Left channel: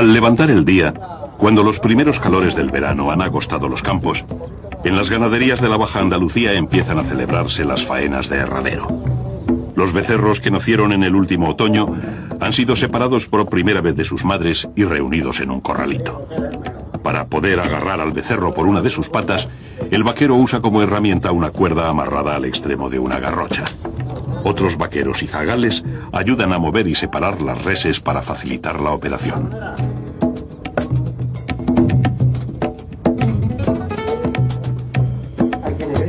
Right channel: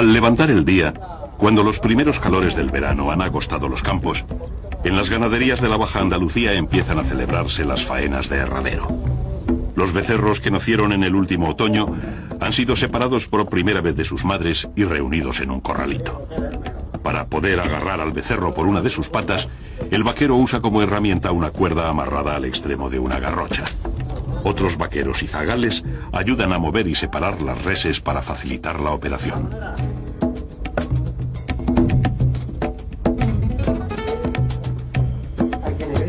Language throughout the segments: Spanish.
Al levantar el día, cuando los primeros calores del verano han agostado los campos, en las ganaderías de la Baja Andalucía empiezan a celebrarse las faenas de herradero. Los becerros que nacieron en el último otoño han sido separados por primera vez de sus madres y reunidos en un corralito. Para poder agarrar al becerro por una de sus patas, el vaquero usa como herramienta una cuerda amarrada al extremo de una garrocha. Otros vaqueros y zagales ayudan a mover y separar las reses para facilitar la operación.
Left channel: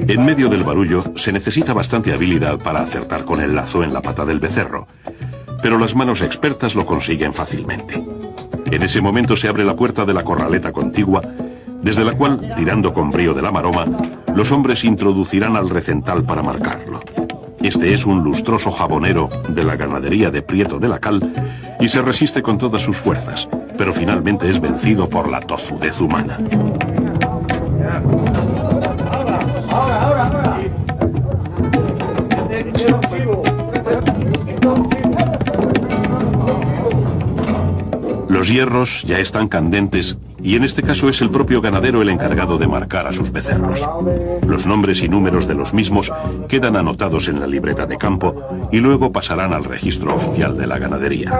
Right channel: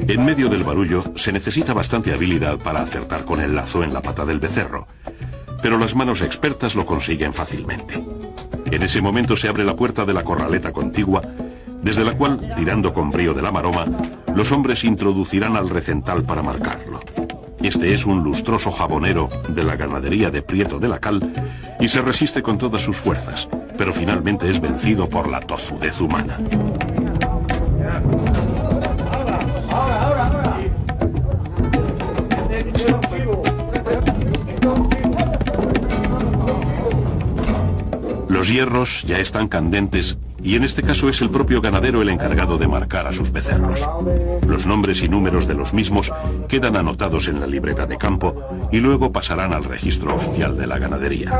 En medio del barullo se necesita bastante habilidad para acertar con el lazo en la pata del becerro, pero las manos expertas lo consiguen fácilmente. En ese momento se abre la puerta de la corraleta contigua, desde la cual, tirando con brío de la maroma, los hombres introducirán al recental para marcarlo. Este es un lustroso jabonero de la ganadería de Prieto de la Cal y se resiste con todas sus fuerzas, pero finalmente es vencido por la tozudez humana. Los hierros ya están candentes y en este caso es el propio ganadero el encargado de marcar a sus becerros. Los nombres y números de los mismos quedan anotados en la libreta de campo y luego pasarán al registro oficial de la ganadería.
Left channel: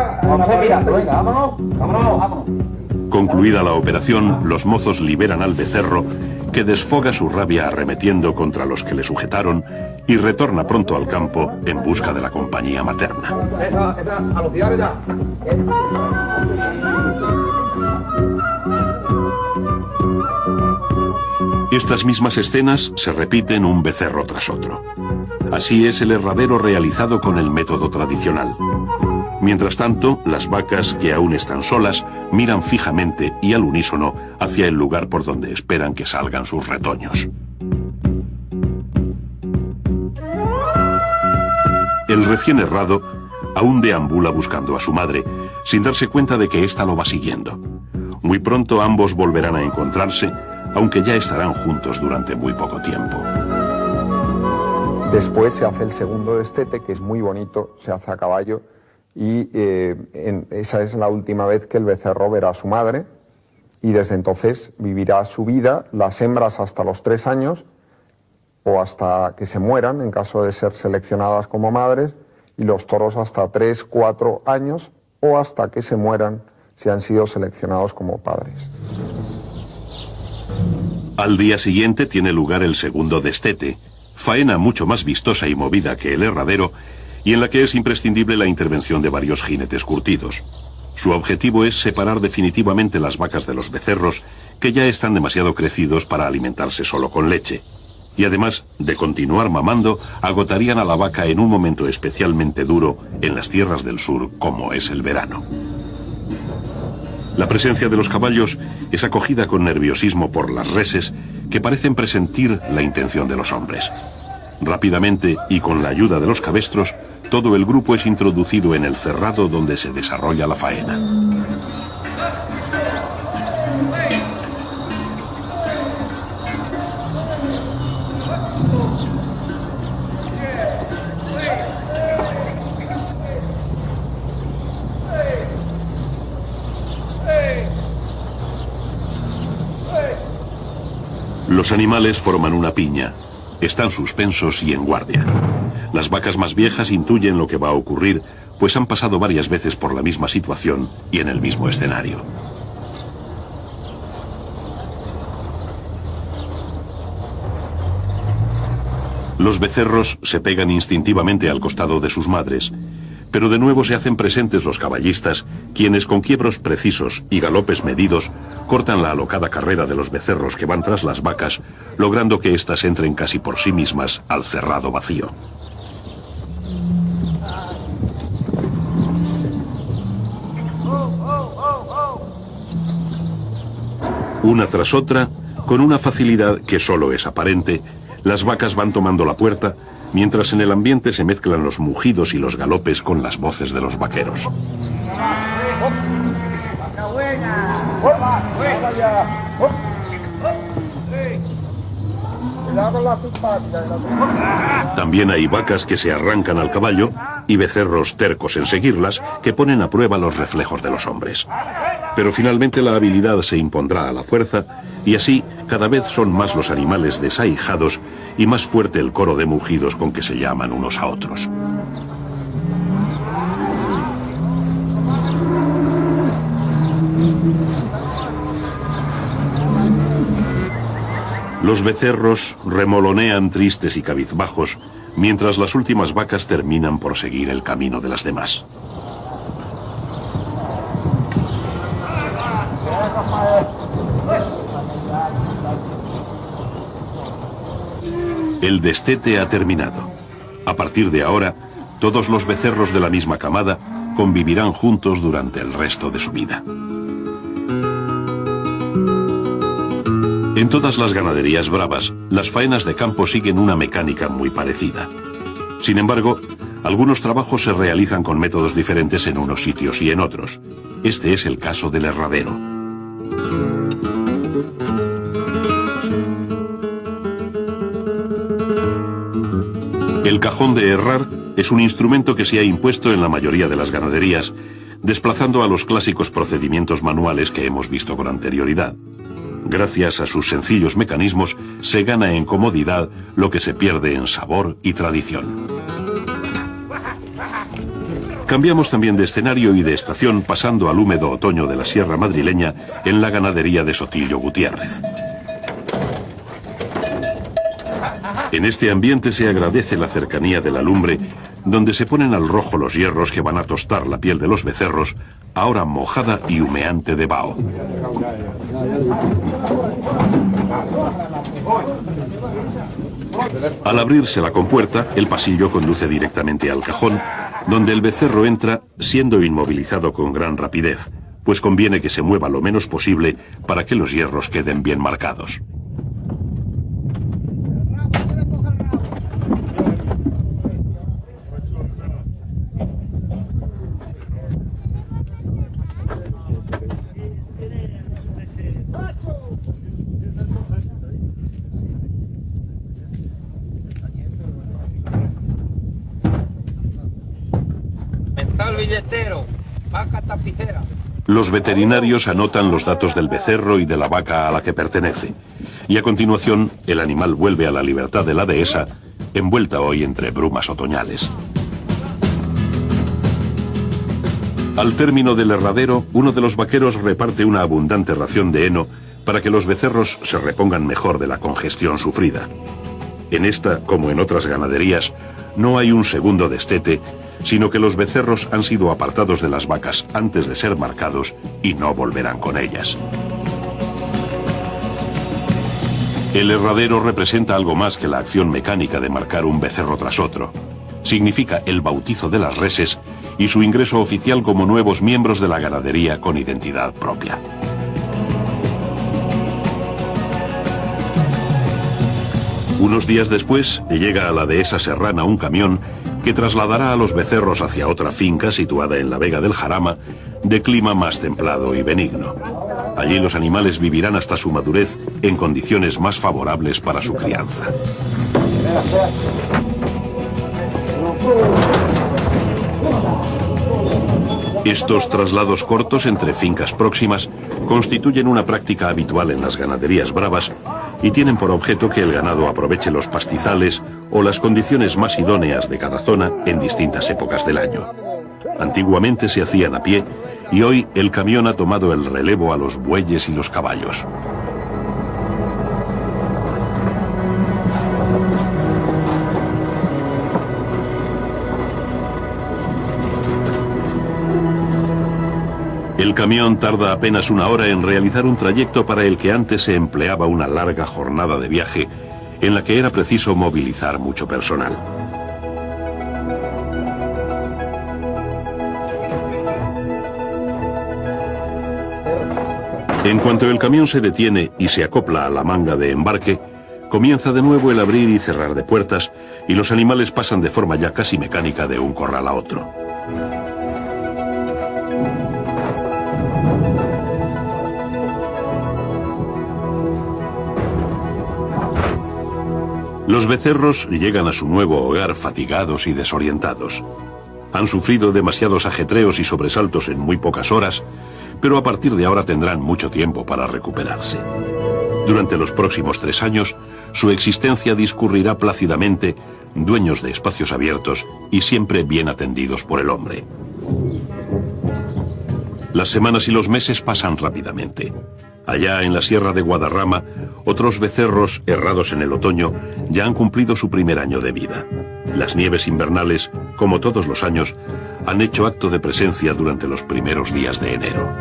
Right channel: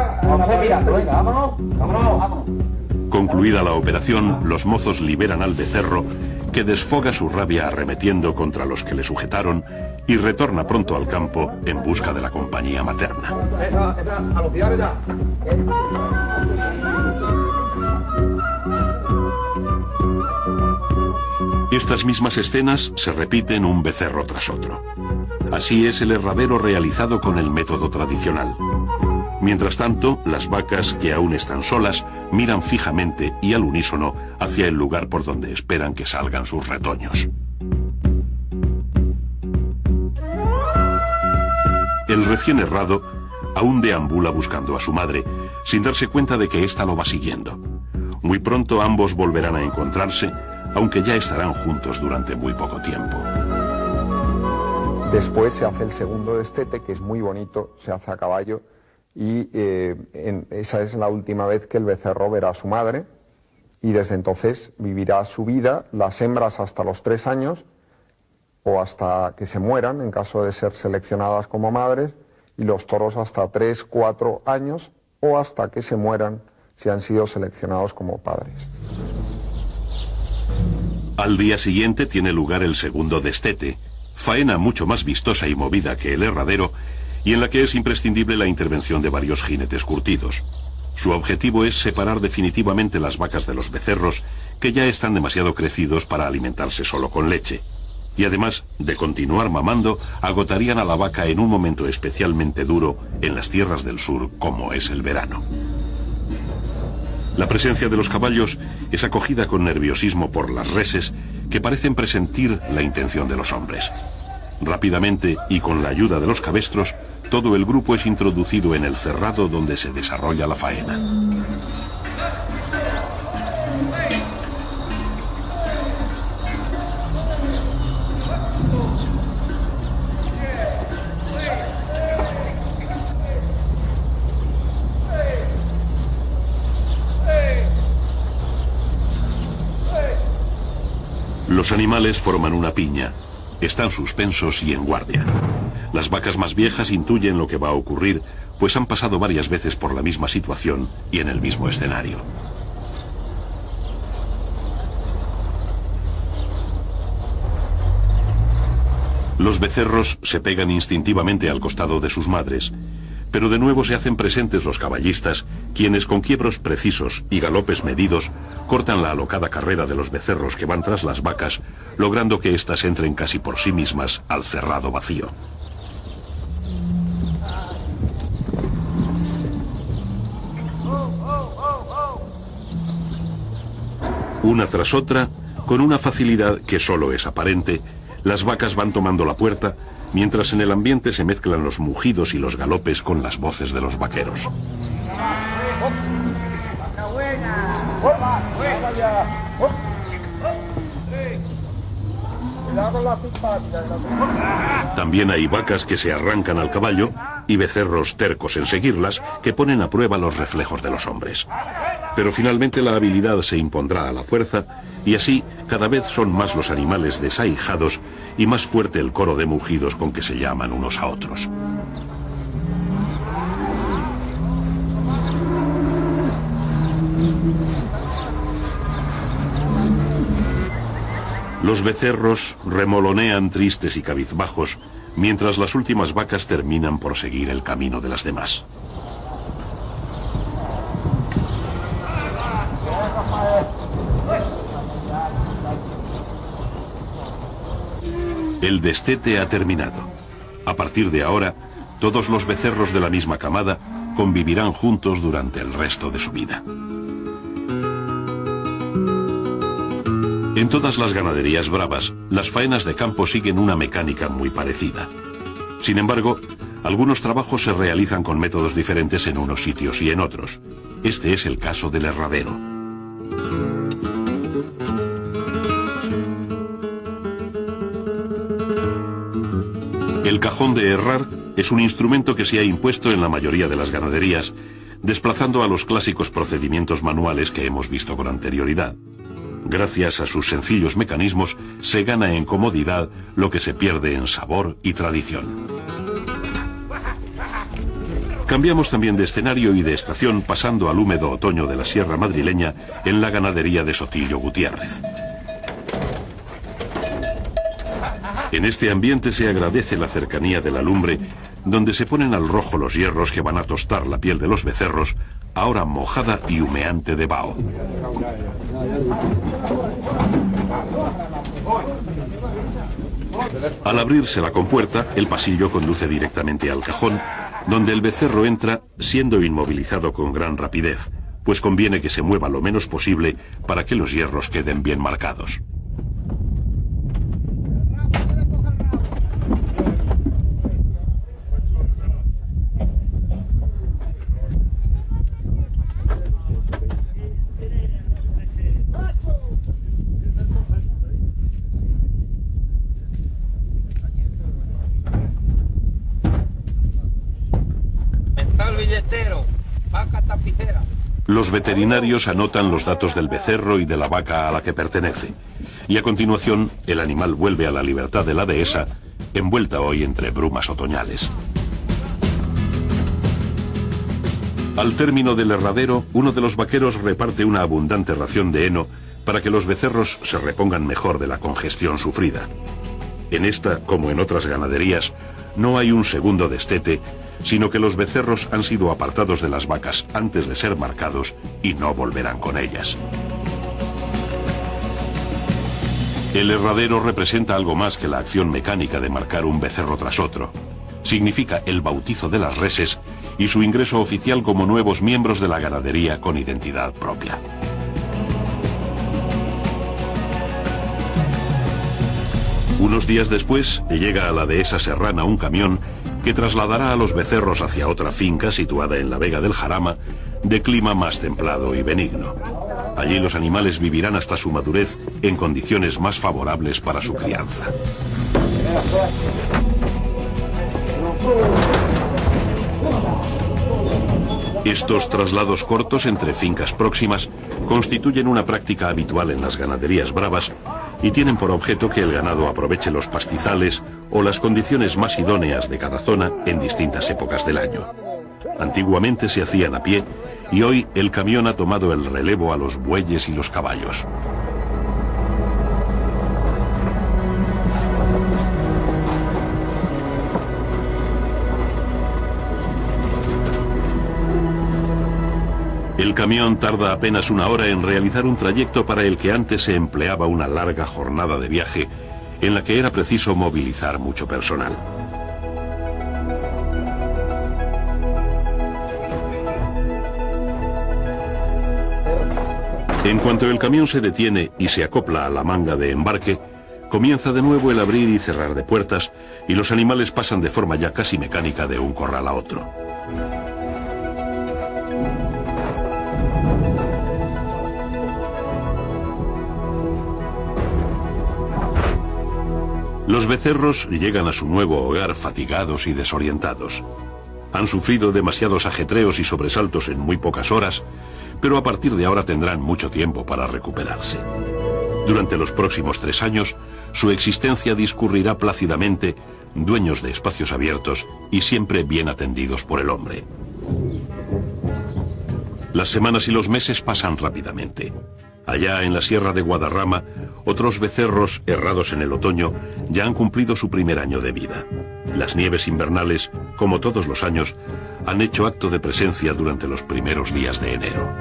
Concluida la operación, los mozos liberan al becerro, que desfoga su rabia arremetiendo contra los que le sujetaron y retorna pronto al campo en busca de la compañía materna. Estas mismas escenas se repiten un becerro tras otro. Así es el herradero realizado con el método tradicional. Mientras tanto, las vacas, que aún están solas, miran fijamente y al unísono hacia el lugar por donde esperan que salgan sus retoños. El recién herrado aún deambula buscando a su madre, sin darse cuenta de que ésta lo va siguiendo. Muy pronto ambos volverán a encontrarse, aunque ya estarán juntos durante muy poco tiempo. Después se hace el segundo destete, que es muy bonito, se hace a caballo, y esa es la última vez que el becerro verá a su madre, y desde entonces vivirá su vida, las hembras hasta los 3 años, o hasta que se mueran, en caso de ser seleccionadas como madres, y los toros hasta 3, 4 años, o hasta que se mueran si han sido seleccionados como padres. Al día siguiente tiene lugar el segundo destete, faena mucho más vistosa y movida que el herradero, y en la que es imprescindible la intervención de varios jinetes curtidos. Su objetivo es separar definitivamente las vacas de los becerros, que ya están demasiado crecidos para alimentarse solo con leche. Y además de continuar mamando, agotarían a la vaca en un momento especialmente duro en las tierras del sur, como es el verano. La presencia de los caballos es acogida con nerviosismo por las reses, que parecen presentir la intención de los hombres. Rápidamente, y con la ayuda de los cabestros, todo el grupo es introducido en el cerrado donde se desarrolla la faena. Los animales forman una piña. Están suspensos y en guardia. Las vacas más viejas intuyen lo que va a ocurrir, pues han pasado varias veces por la misma situación y en el mismo escenario. Los becerros se pegan instintivamente al costado de sus madres, pero de nuevo se hacen presentes los caballistas, quienes con quiebros precisos y galopes medidos cortan la alocada carrera de los becerros que van tras las vacas, logrando que éstas entren casi por sí mismas al cerrado vacío. Una tras otra, con una facilidad que solo es aparente, las vacas van tomando la puerta, mientras en el ambiente se mezclan los mugidos y los galopes con las voces de los vaqueros. También hay vacas que se arrancan al caballo y becerros tercos en seguirlas que ponen a prueba los reflejos de los hombres. Pero finalmente la habilidad se impondrá a la fuerza, y así cada vez son más los animales desahijados y más fuerte el coro de mugidos con que se llaman unos a otros. Los becerros remolonean tristes y cabizbajos, mientras las últimas vacas terminan por seguir el camino de las demás. El destete ha terminado. A partir de ahora, todos los becerros de la misma camada convivirán juntos durante el resto de su vida. En todas las ganaderías bravas, las faenas de campo siguen una mecánica muy parecida. Sin embargo, algunos trabajos se realizan con métodos diferentes en unos sitios y en otros. Este es el caso del herradero. El cajón de herrar es un instrumento que se ha impuesto en la mayoría de las ganaderías, desplazando a los clásicos procedimientos manuales que hemos visto con anterioridad. Gracias a sus sencillos mecanismos, se gana en comodidad lo que se pierde en sabor y tradición. Cambiamos también de escenario y de estación, pasando al húmedo otoño de la Sierra Madrileña en la ganadería de Sotillo Gutiérrez. En este ambiente se agradece la cercanía de la lumbre, donde se ponen al rojo los hierros que van a tostar la piel de los becerros, ahora mojada y humeante de vaho. Al abrirse la compuerta, el pasillo conduce directamente al cajón, donde el becerro entra siendo inmovilizado con gran rapidez, pues conviene que se mueva lo menos posible para que los hierros queden bien marcados. Los veterinarios anotan los datos del becerro y de la vaca a la que pertenece, y a continuación el animal vuelve a la libertad de la dehesa, envuelta hoy entre brumas otoñales. Al término del herradero, uno de los vaqueros reparte una abundante ración de heno para que los becerros se repongan mejor de la congestión sufrida. En esta, como en otras ganaderías, no hay un segundo destete, sino que los becerros han sido apartados de las vacas antes de ser marcados y no volverán con ellas. El herradero representa algo más que la acción mecánica de marcar un becerro tras otro. Significa el bautizo de las reses y su ingreso oficial como nuevos miembros de la ganadería con identidad propia. Unos días después, llega a la dehesa serrana un camión que trasladará a los becerros hacia otra finca situada en la Vega del Jarama, de clima más templado y benigno. Allí los animales vivirán hasta su madurez en condiciones más favorables para su crianza. Estos traslados cortos entre fincas próximas constituyen una práctica habitual en las ganaderías bravas y tienen por objeto que el ganado aproveche los pastizales o las condiciones más idóneas de cada zona en distintas épocas del año. Antiguamente se hacían a pie y hoy el camión ha tomado el relevo a los bueyes y los caballos. El camión tarda apenas una hora en realizar un trayecto para el que antes se empleaba una larga jornada de viaje, en la que era preciso movilizar mucho personal. En cuanto el camión se detiene y se acopla a la manga de embarque, comienza de nuevo el abrir y cerrar de puertas, y los animales pasan de forma ya casi mecánica de un corral a otro. Los becerros llegan a su nuevo hogar fatigados y desorientados. Han sufrido demasiados ajetreos y sobresaltos en muy pocas horas, pero a partir de ahora tendrán mucho tiempo para recuperarse. Durante los próximos 3 años, su existencia discurrirá plácidamente, dueños de espacios abiertos y siempre bien atendidos por el hombre. Las semanas y los meses pasan rápidamente. Allá en la sierra de Guadarrama, otros becerros, errados en el otoño, ya han cumplido su primer año de vida. Las nieves invernales, como todos los años, han hecho acto de presencia durante los primeros días de enero.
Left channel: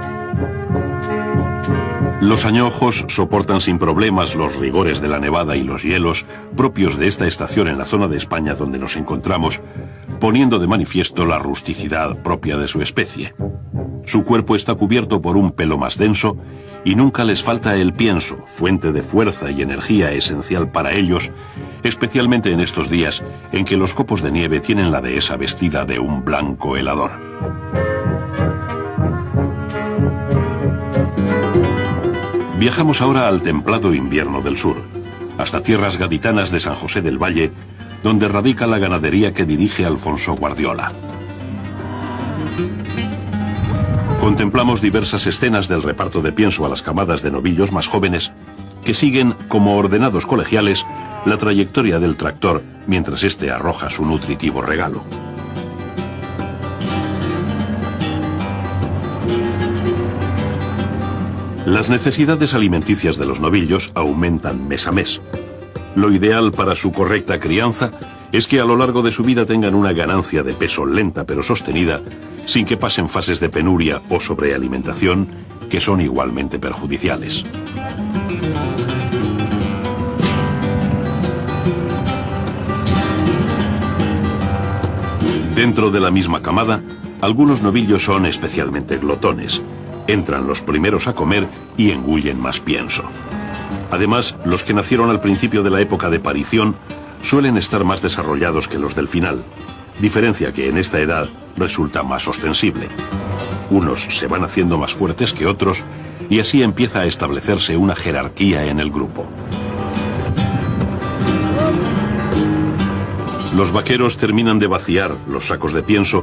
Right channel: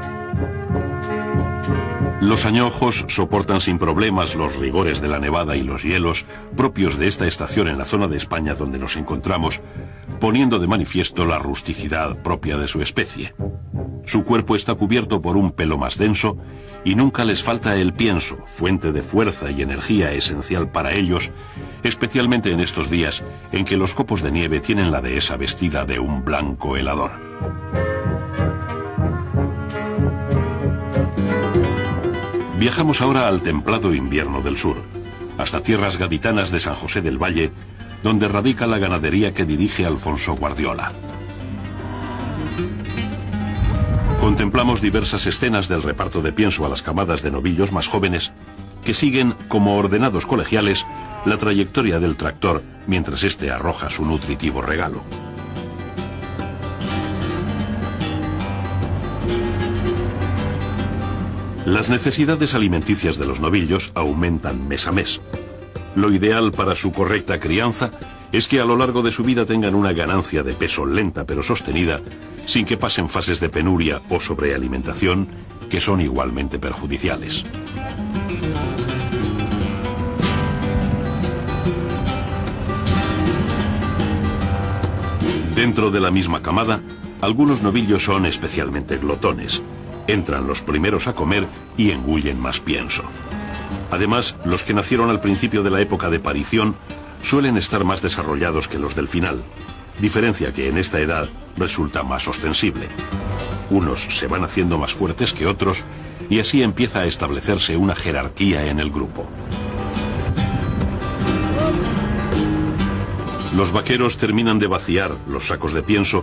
Los añojos soportan sin problemas los rigores de la nevada y los hielos propios de esta estación en la zona de España donde nos encontramos, poniendo de manifiesto la rusticidad propia de su especie. Su cuerpo está cubierto por un pelo más denso y nunca les falta el pienso, fuente de fuerza y energía esencial para ellos, especialmente en estos días en que los copos de nieve tienen la dehesa vestida de un blanco helador. Viajamos ahora al templado invierno del sur, hasta tierras gaditanas de San José del Valle, donde radica la ganadería que dirige Alfonso Guardiola. Contemplamos diversas escenas del reparto de pienso a las camadas de novillos más jóvenes que siguen, como ordenados colegiales, la trayectoria del tractor mientras éste arroja su nutritivo regalo. Las necesidades alimenticias de los novillos aumentan mes a mes. Lo ideal para su correcta crianza es que a lo largo de su vida tengan una ganancia de peso lenta pero sostenida, sin que pasen fases de penuria o sobrealimentación que son igualmente perjudiciales. Dentro de la misma camada, algunos novillos son especialmente glotones. Entran los primeros a comer y engullen más pienso. Además, los que nacieron al principio de la época de parición suelen estar más desarrollados que los del final, diferencia que en esta edad resulta más ostensible. Unos se van haciendo más fuertes que otros y así empieza a establecerse una jerarquía en el grupo. Los vaqueros terminan de vaciar los sacos de pienso,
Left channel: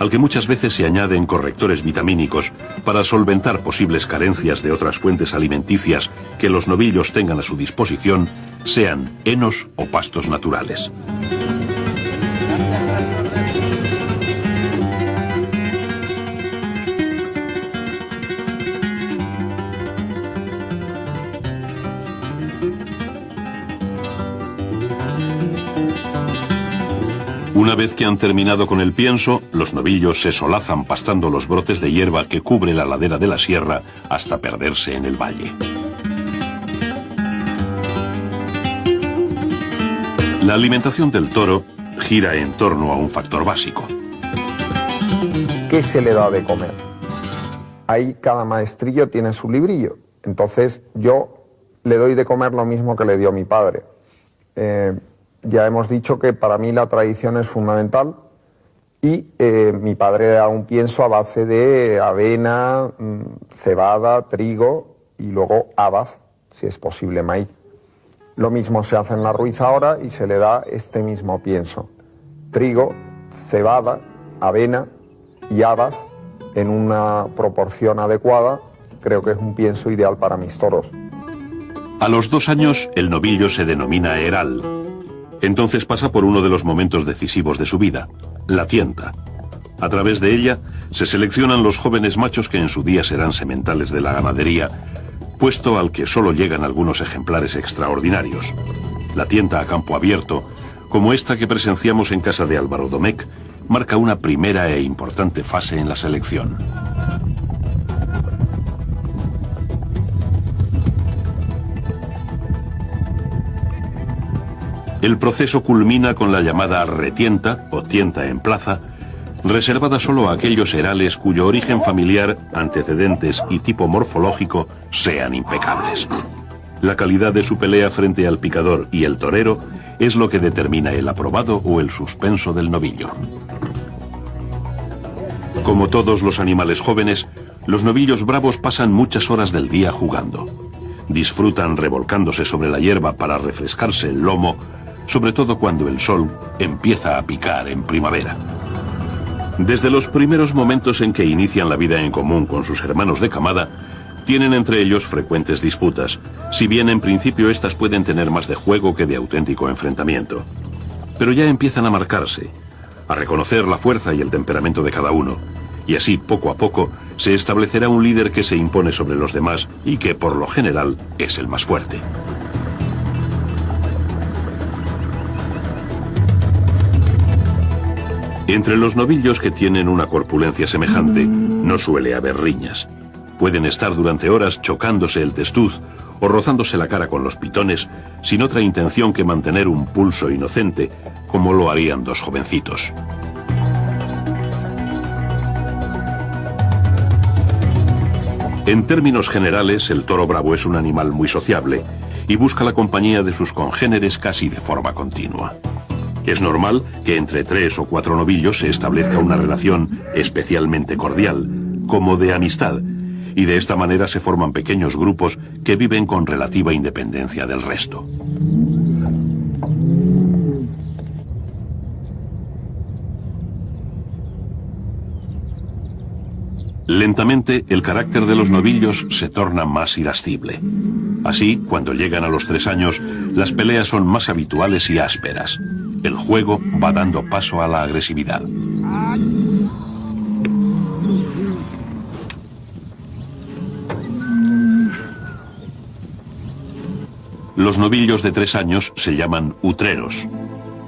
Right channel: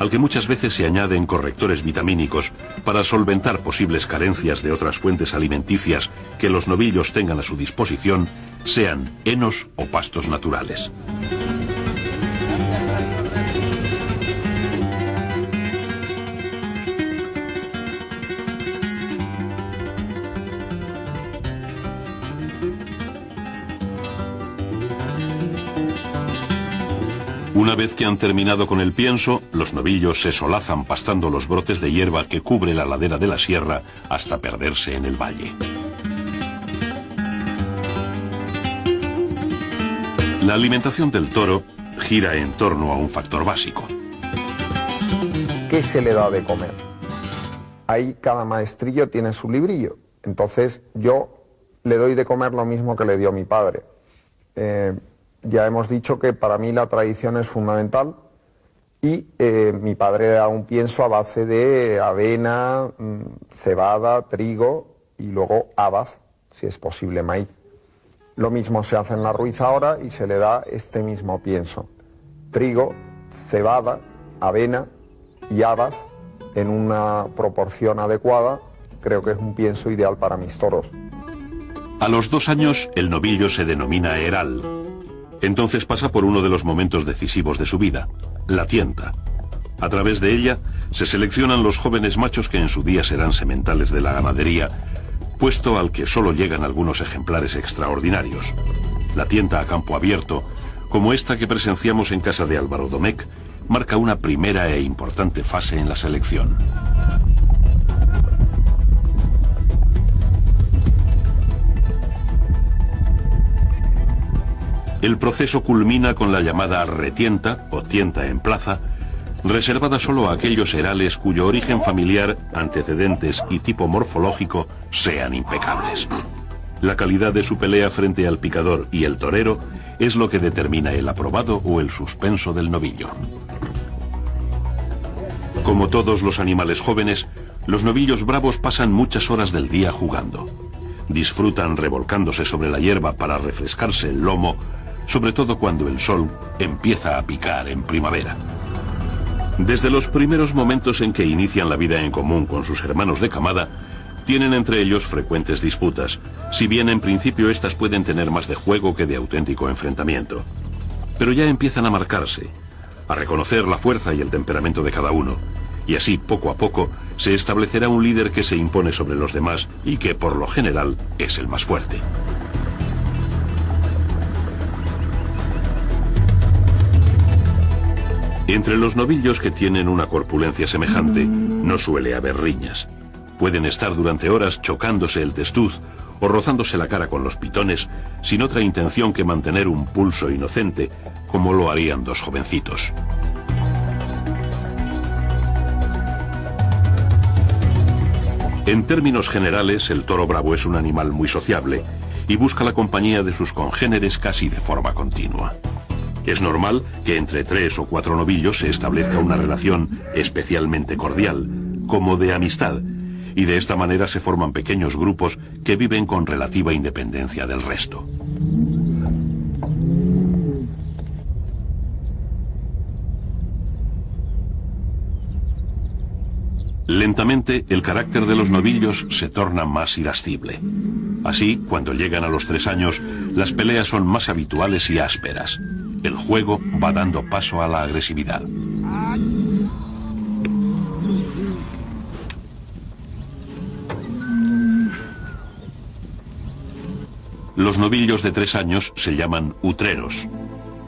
al que muchas veces se añaden correctores vitamínicos para solventar posibles carencias de otras fuentes alimenticias que los novillos tengan a su disposición, sean henos o pastos naturales. Una vez que han terminado con el pienso, los novillos se solazan pastando los brotes de hierba que cubre la ladera de la sierra hasta perderse en el valle. La alimentación del toro gira en torno a un factor básico. ¿Qué se le da de comer? Ahí cada maestrillo tiene su librillo. Entonces yo le doy de comer lo mismo que le dio mi padre. Ya hemos dicho que para mí la tradición es fundamental y mi padre era un pienso a base de avena, cebada, trigo y luego habas, si es posible maíz. Lo mismo se hace en la Ruiz ahora y se le da este mismo pienso. Trigo, cebada, avena y habas en una proporción adecuada. Creo que es un pienso ideal para mis toros. A los 2 años el novillo se denomina heral. Entonces pasa por uno de los momentos decisivos de su vida, la tienta. A través de ella se seleccionan los jóvenes machos que en su día serán sementales de la ganadería, puesto al que solo llegan algunos ejemplares extraordinarios. La tienta a campo abierto, como esta que presenciamos en casa de Álvaro Domecq, marca una primera e importante fase en la selección. El proceso culmina con la llamada retienta o tienta en plaza, reservada solo a aquellos herales cuyo origen familiar, antecedentes y tipo morfológico sean impecables. La calidad de su pelea frente al picador y el torero es lo que determina el aprobado o el suspenso del novillo. Como todos los animales jóvenes, los novillos bravos pasan muchas horas del día jugando. Disfrutan revolcándose sobre la hierba para refrescarse el lomo, sobre todo cuando el sol empieza a picar en primavera. Desde los primeros momentos en que inician la vida en común con sus hermanos de camada, tienen entre ellos frecuentes disputas, si bien en principio estas pueden tener más de juego que de auténtico enfrentamiento. Pero ya empiezan a marcarse, a reconocer la fuerza y el temperamento de cada uno, y así poco a poco se establecerá un líder que se impone sobre los demás y que por lo general es el más fuerte. Entre los novillos que tienen una corpulencia semejante no suele haber riñas. Pueden estar durante horas chocándose el testuz o rozándose la cara con los pitones sin otra intención que mantener un pulso inocente, como lo harían dos jovencitos. En términos generales, el toro bravo es un animal muy sociable y busca la compañía de sus congéneres casi de forma continua. Es normal que entre 3 o 4 novillos se establezca una relación especialmente cordial, como de amistad, y de esta manera se forman pequeños grupos que viven con relativa independencia del resto. Lentamente, el carácter de los novillos se torna más irascible. Así, cuando llegan a los 3 años, las peleas son más habituales y ásperas. El juego va dando paso a la agresividad. Los novillos de 3 años se llaman utreros.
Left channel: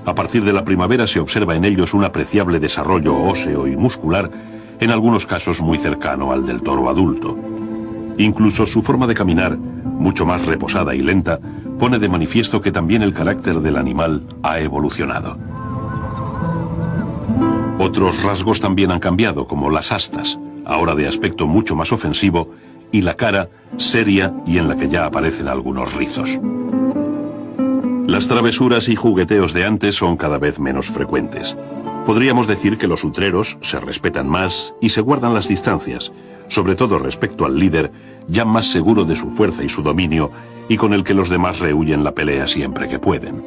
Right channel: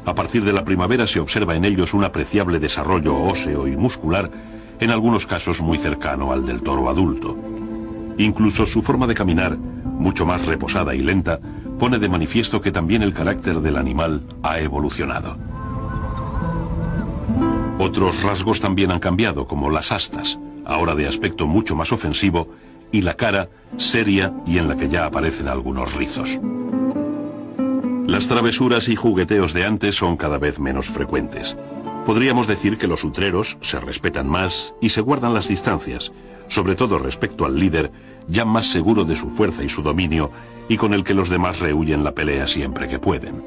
A partir de la primavera se observa en ellos un apreciable desarrollo óseo y muscular, en algunos casos muy cercano al del toro adulto. Incluso su forma de caminar, mucho más reposada y lenta, pone de manifiesto que también el carácter del animal ha evolucionado. Otros rasgos también han cambiado, como las astas, ahora de aspecto mucho más ofensivo, y la cara, seria y en la que ya aparecen algunos rizos. Las travesuras y jugueteos de antes son cada vez menos frecuentes. Podríamos decir que los utreros se respetan más y se guardan las distancias, sobre todo respecto al líder, ya más seguro de su fuerza y su dominio, y con el que los demás rehuyen la pelea siempre que pueden.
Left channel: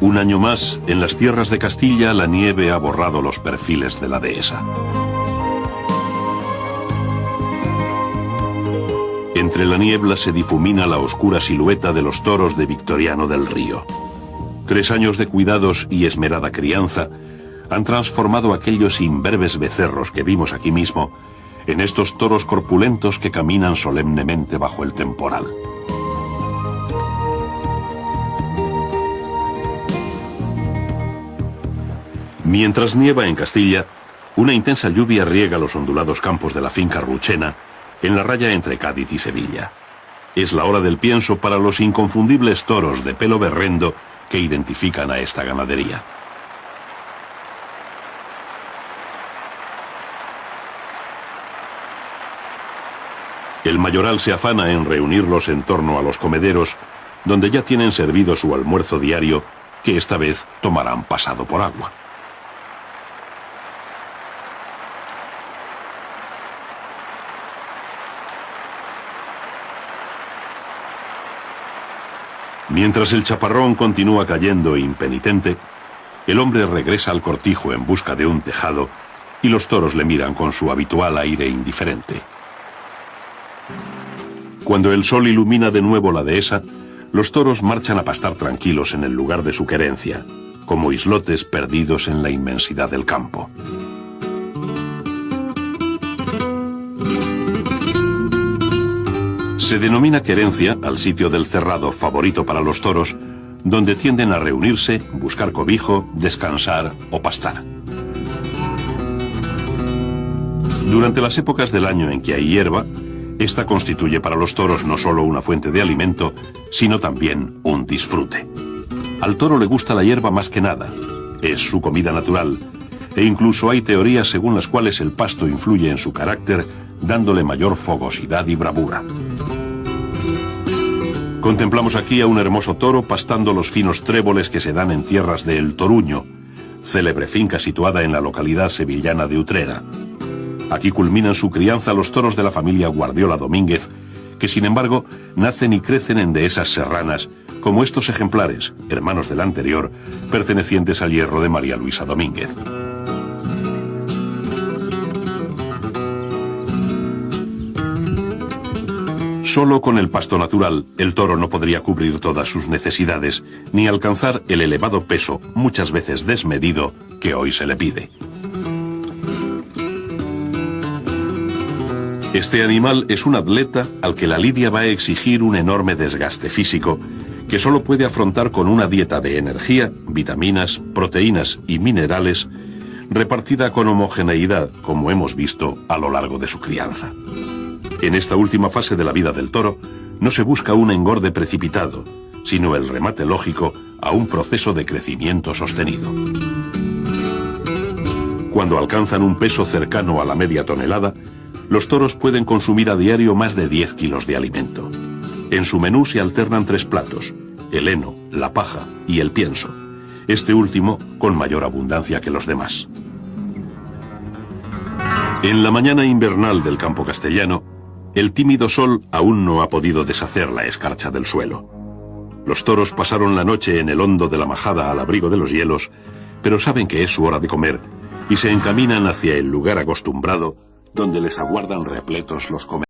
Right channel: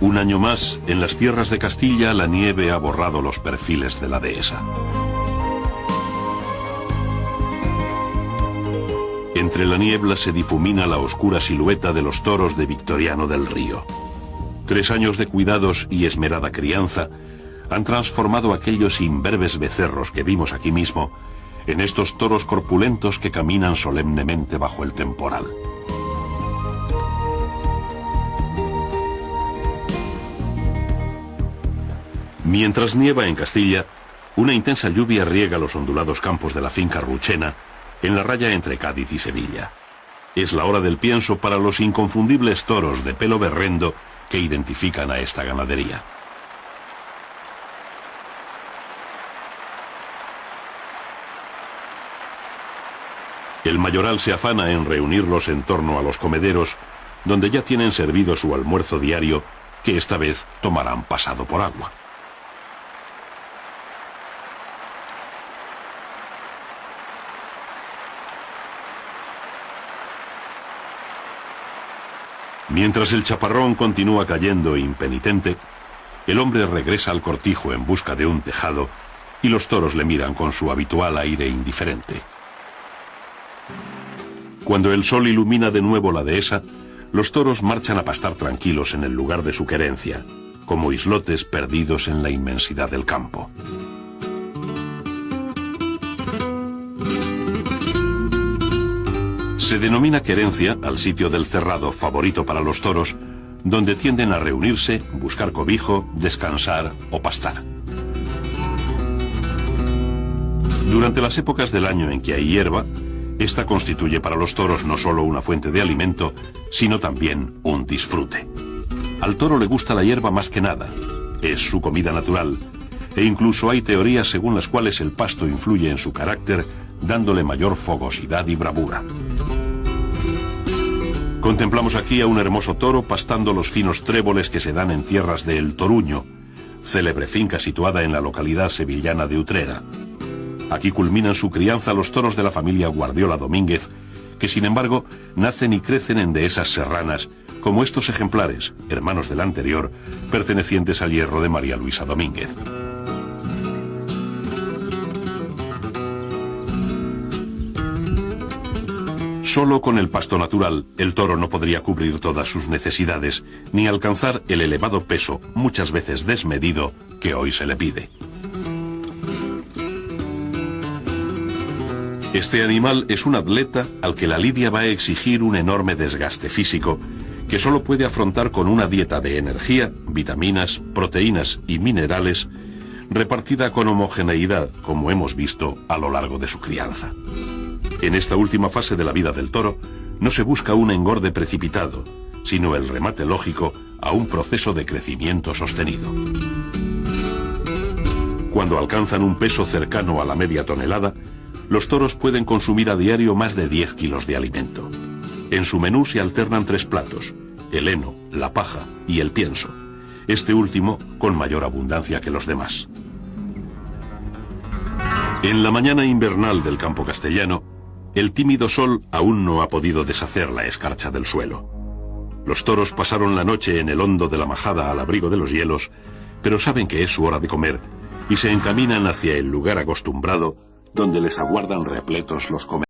Un año más, en las tierras de Castilla, la nieve ha borrado los perfiles de la dehesa. Entre la niebla se difumina la oscura silueta de los toros de Victoriano del Río. 3 años de cuidados y esmerada crianza han transformado aquellos imberbes becerros que vimos aquí mismo en estos toros corpulentos que caminan solemnemente bajo el temporal. Mientras nieva en Castilla, una intensa lluvia riega los ondulados campos de la finca Ruchena, en la raya entre Cádiz y Sevilla. Es la hora del pienso para los inconfundibles toros de pelo berrendo que identifican a esta ganadería. El mayoral se afana en reunirlos en torno a los comederos, donde ya tienen servido su almuerzo diario, que esta vez tomarán pasado por agua. Mientras el chaparrón continúa cayendo impenitente, el hombre regresa al cortijo en busca de un tejado y los toros le miran con su habitual aire indiferente. Cuando el sol ilumina de nuevo la dehesa, los toros marchan a pastar tranquilos en el lugar de su querencia, como islotes perdidos en la inmensidad del campo. Se denomina querencia al sitio del cerrado favorito para los toros, donde tienden a reunirse, buscar cobijo, descansar o pastar. Durante las épocas del año en que hay hierba, esta constituye para los toros no solo una fuente de alimento, sino también un disfrute. Al toro le gusta la hierba más que nada, es su comida natural, e incluso hay teorías según las cuales el pasto influye en su carácter, dándole mayor fogosidad y bravura. Contemplamos aquí a un hermoso toro pastando los finos tréboles que se dan en tierras de El Toruño, célebre finca situada en la localidad sevillana de Utrera. Aquí culminan su crianza los toros de la familia Guardiola Domínguez, que sin embargo nacen y crecen en dehesas serranas, como estos ejemplares, hermanos del anterior, pertenecientes al hierro de María Luisa Domínguez. Solo con el pasto natural, el toro no podría cubrir todas sus necesidades, ni alcanzar el elevado peso, muchas veces desmedido, que hoy se le pide. Este animal es un atleta al que la lidia va a exigir un enorme desgaste físico, que solo puede afrontar con una dieta de energía, vitaminas, proteínas y minerales, repartida con homogeneidad, como hemos visto a lo largo de su crianza. En esta última fase de la vida del toro, no se busca un engorde precipitado, sino el remate lógico a un proceso de crecimiento sostenido. Cuando alcanzan un peso cercano a la media tonelada, los toros pueden consumir a diario más de 10 kilos de alimento. En su menú se alternan 3 platos: el heno, la paja y el pienso, este último con mayor abundancia que los demás. En la mañana invernal del campo castellano, el tímido sol aún no ha podido deshacer la escarcha del suelo. Los toros pasaron la noche en el hondo de la majada al abrigo de los hielos, pero saben que es su hora de comer y se encaminan hacia el lugar acostumbrado donde les aguardan repletos los comederos.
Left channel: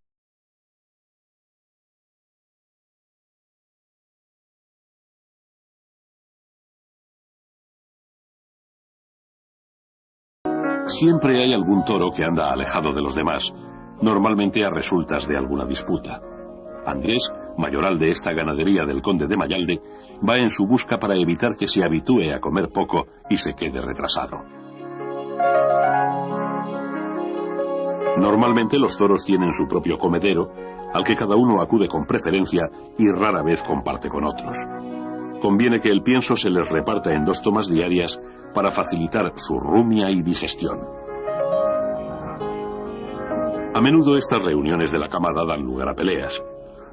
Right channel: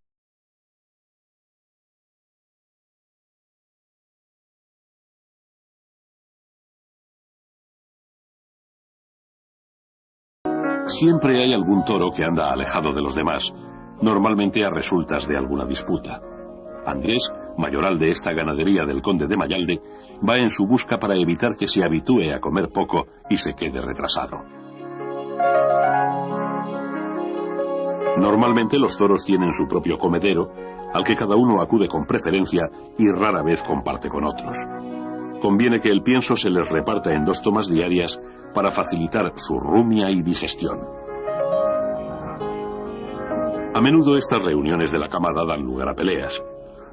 Siempre hay algún toro que anda alejado de los demás, normalmente a resultas de alguna disputa. Andrés, mayoral de esta ganadería del conde de Mayalde, va en su busca para evitar que se habitúe a comer poco y se quede retrasado. Normalmente los toros tienen su propio comedero, al que cada uno acude con preferencia y rara vez comparte con otros. Conviene que el pienso se les reparta en 2 tomas diarias para facilitar su rumia y digestión. A menudo estas reuniones de la camada dan lugar a peleas.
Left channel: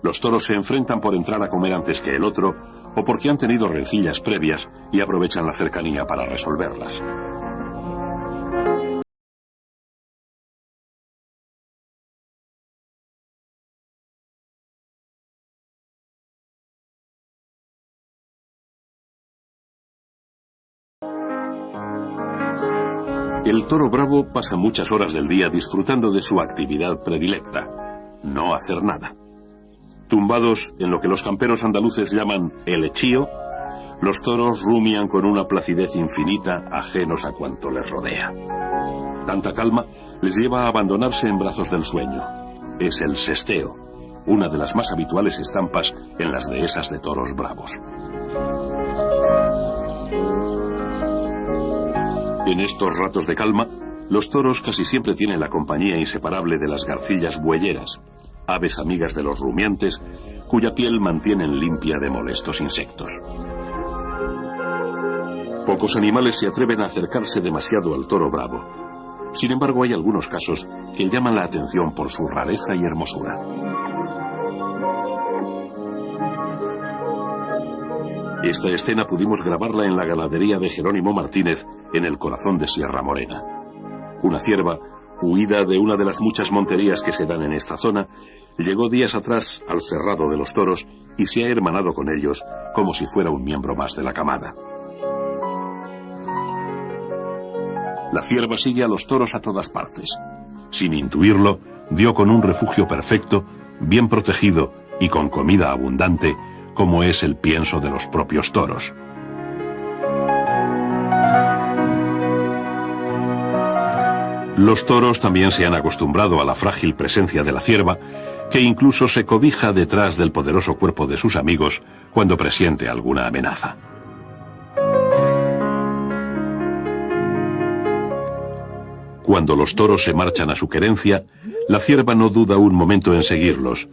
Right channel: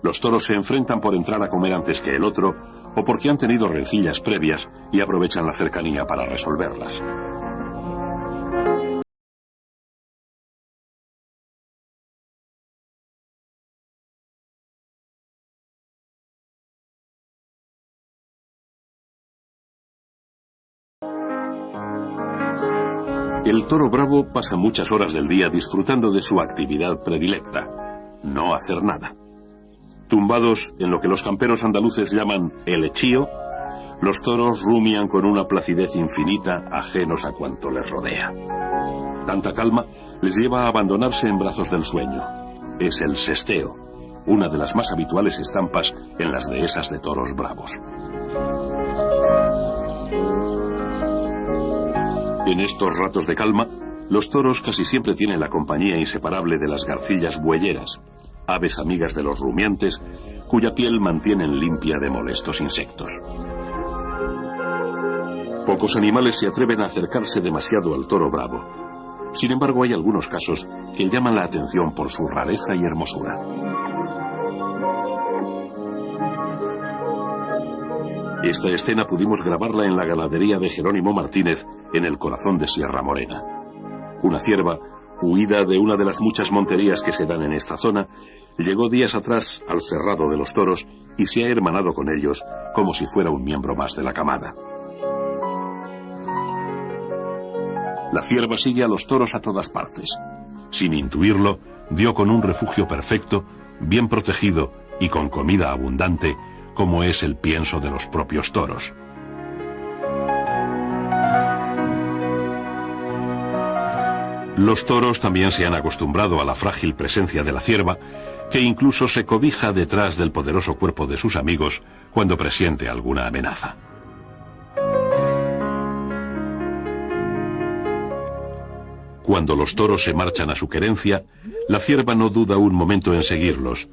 Los toros se enfrentan por entrar a comer antes que el otro o porque han tenido rencillas previas y aprovechan la cercanía para resolverlas. El toro bravo pasa muchas horas del día disfrutando de su actividad predilecta: no hacer nada. Tumbados en lo que los camperos andaluces llaman el echío, Los toros rumian con una placidez infinita, ajenos a cuanto les rodea. Tanta calma les lleva a abandonarse en brazos del sueño. Es el sesteo, una de las más habituales estampas en las dehesas de toros bravos. En estos ratos de calma, los toros casi siempre tienen la compañía inseparable de las garcillas bueyeras, aves amigas de los rumiantes, cuya piel mantienen limpia de molestos insectos. Pocos animales se atreven a acercarse demasiado al toro bravo. Sin embargo, hay algunos casos que llaman la atención por su rareza y hermosura. Esta escena pudimos grabarla en la ganadería de Jerónimo Martínez, en el corazón de Sierra Morena. Una cierva, huida de una de las muchas monterías que se dan en esta zona, llegó días atrás al cerrado de los toros y se ha hermanado con ellos como si fuera un miembro más de la camada. La cierva sigue a los toros a todas partes. Sin intuirlo, dio con un refugio perfecto, bien protegido y con comida abundante, como es el pienso de los propios toros. Los toros también se han acostumbrado a la frágil presencia de la cierva, que incluso se cobija detrás del poderoso cuerpo de sus amigos cuando presiente alguna amenaza. Cuando los toros se marchan a su querencia, la cierva no duda un momento en seguirlos.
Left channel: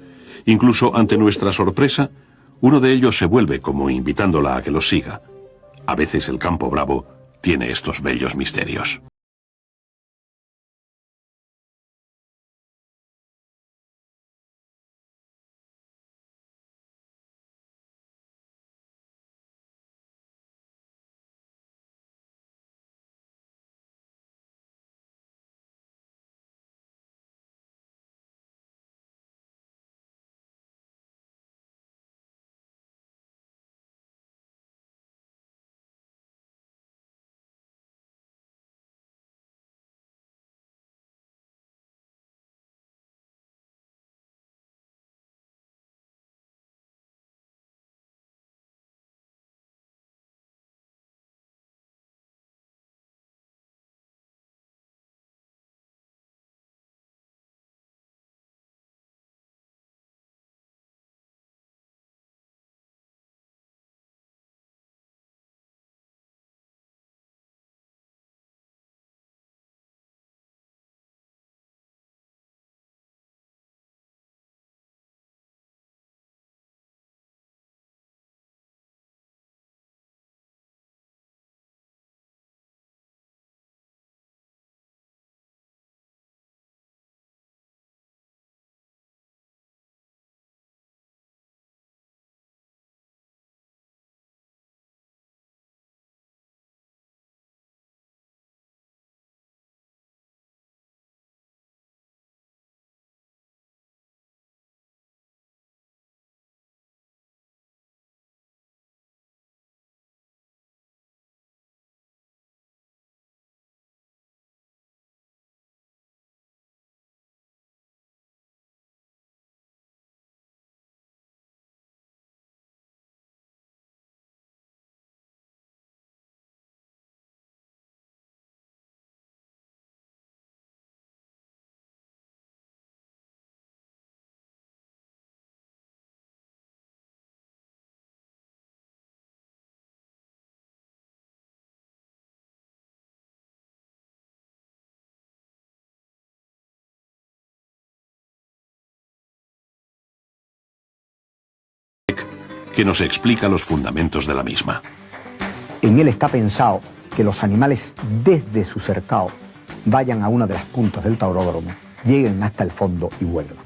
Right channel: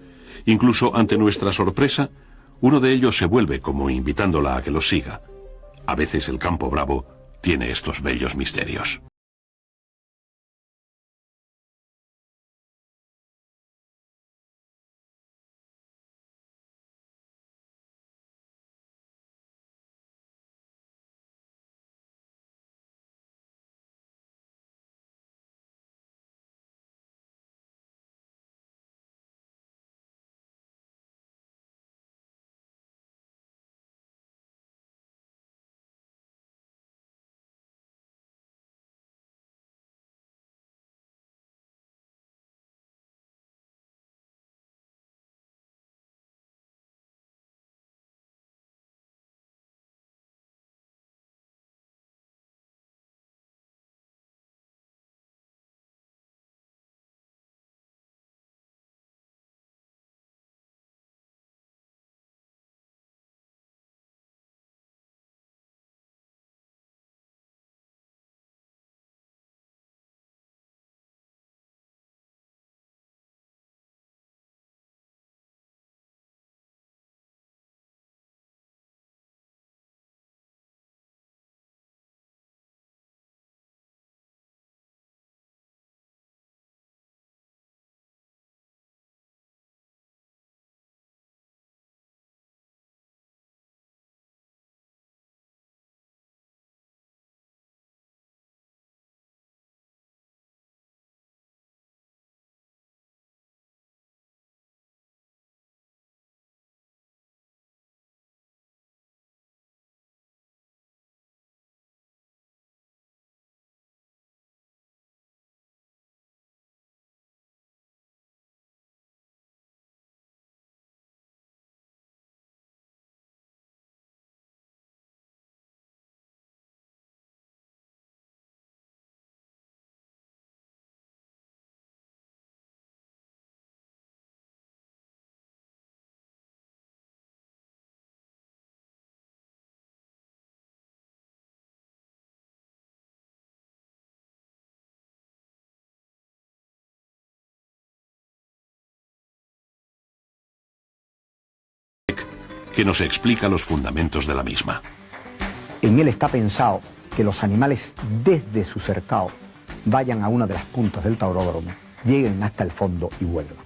Incluso ante nuestra sorpresa, uno de ellos se vuelve como invitándola a que los siga. A veces el campo bravo tiene estos bellos misterios. Que nos explica los fundamentos de la misma. En él está pensado que los animales desde su cercado vayan a una de las puntas del tauródromo, lleguen hasta el fondo y vuelvan.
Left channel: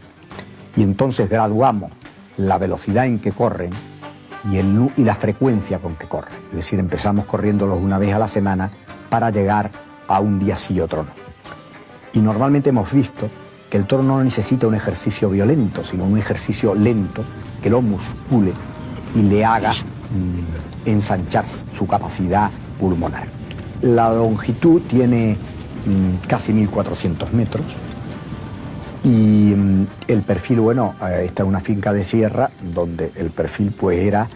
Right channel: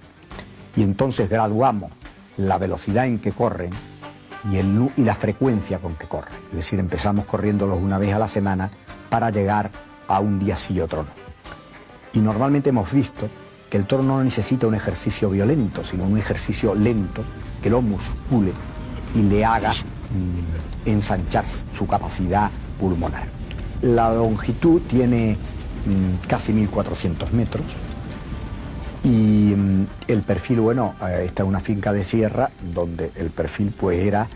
Y entonces graduamos la velocidad en que corren y la frecuencia con que corren. Es decir, empezamos corriéndolos una vez a la semana para llegar a un día sí y otro no. Y normalmente hemos visto que el toro no necesita un ejercicio violento, sino un ejercicio lento que lo muscule y le haga ensanchar su capacidad pulmonar. La longitud tiene casi 1400 metros y el perfil, bueno, esta es una finca de sierra donde el perfil pues era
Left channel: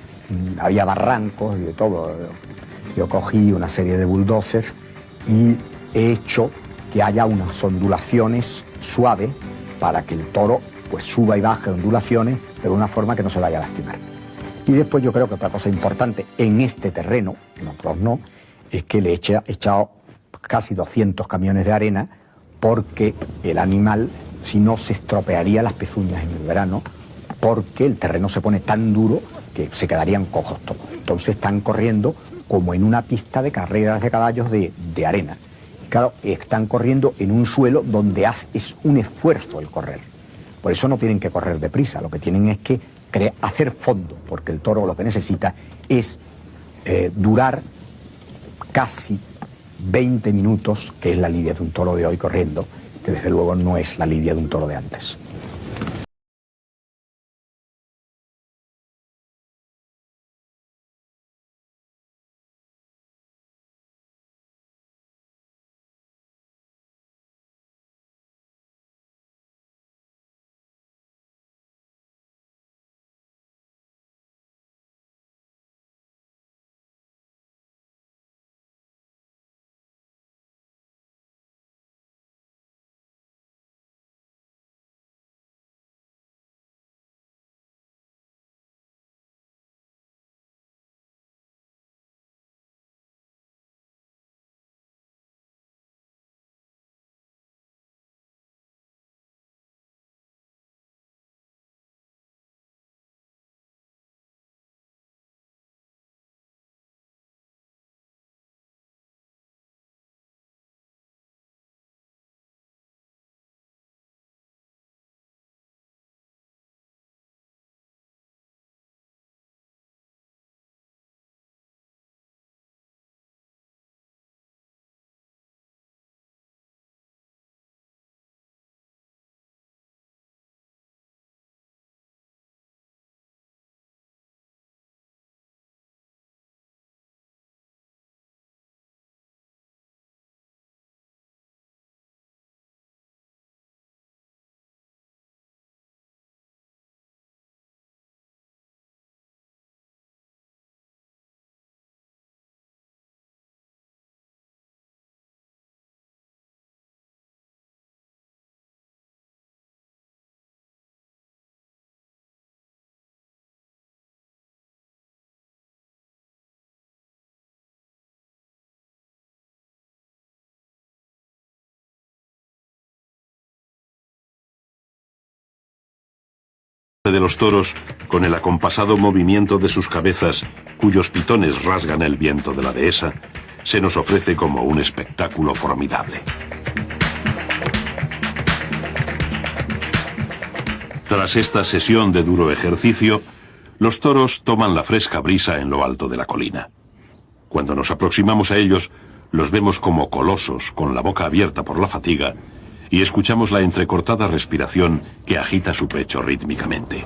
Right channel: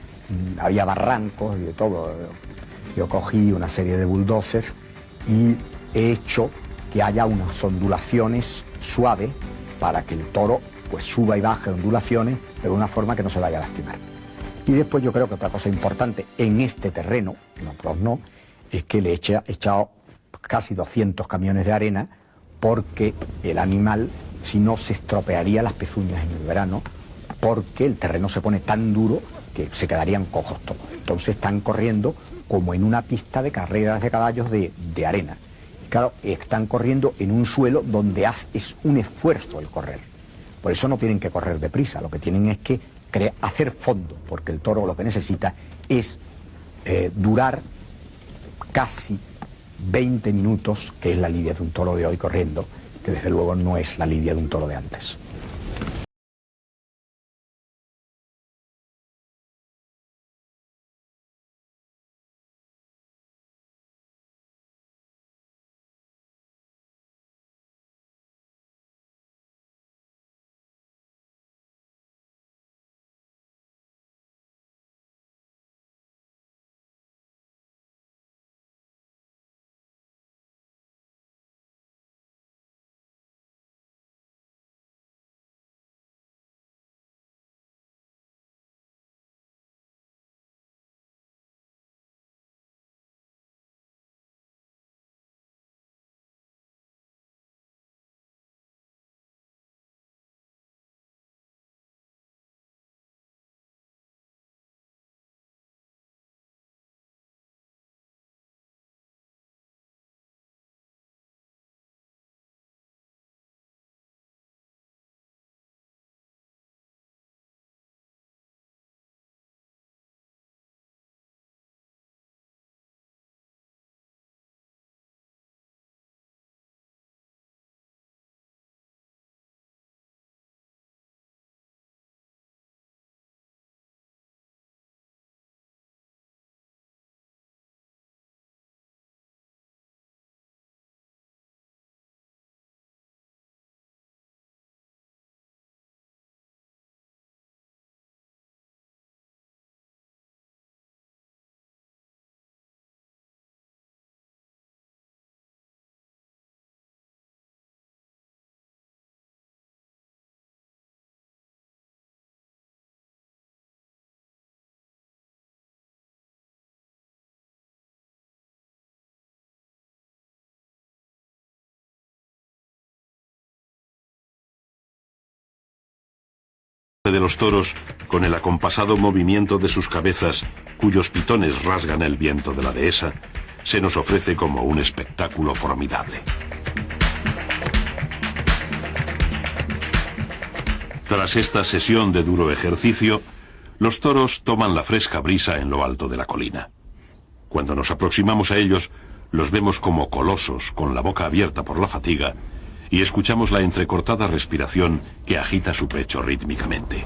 había barrancos y de todo. Yo cogí una serie de bulldozers y he hecho que haya unas ondulaciones suaves para que el toro pues suba y baje ondulaciones, pero de una forma que no se vaya a lastimar. Y después yo creo que otra cosa importante en este terreno, en otros no, es que le he echado casi 200 camiones de arena, porque el animal, si no, se estropearía las pezuñas en el verano, porque el terreno se pone tan duro que se quedarían cojos todos. Entonces están corriendo como en una pista de carreras de caballos de arena. Claro, están corriendo en un suelo donde es un esfuerzo el correr. Por eso no tienen que correr deprisa, lo que tienen es que hacer fondo, porque el toro lo que necesita es durar casi 20 minutos, que es la lidia de un toro de hoy corriendo, que desde luego no es la lidia de un toro de antes. De los toros, con el acompasado movimiento de sus cabezas, cuyos pitones rasgan el viento de la dehesa, se nos ofrece como un espectáculo formidable. Tras esta sesión de duro ejercicio, los toros toman la fresca brisa en lo alto de la colina. Cuando nos aproximamos a ellos, los vemos como colosos, con la boca abierta por la fatiga, y escuchamos la entrecortada respiración que agita su pecho rítmicamente.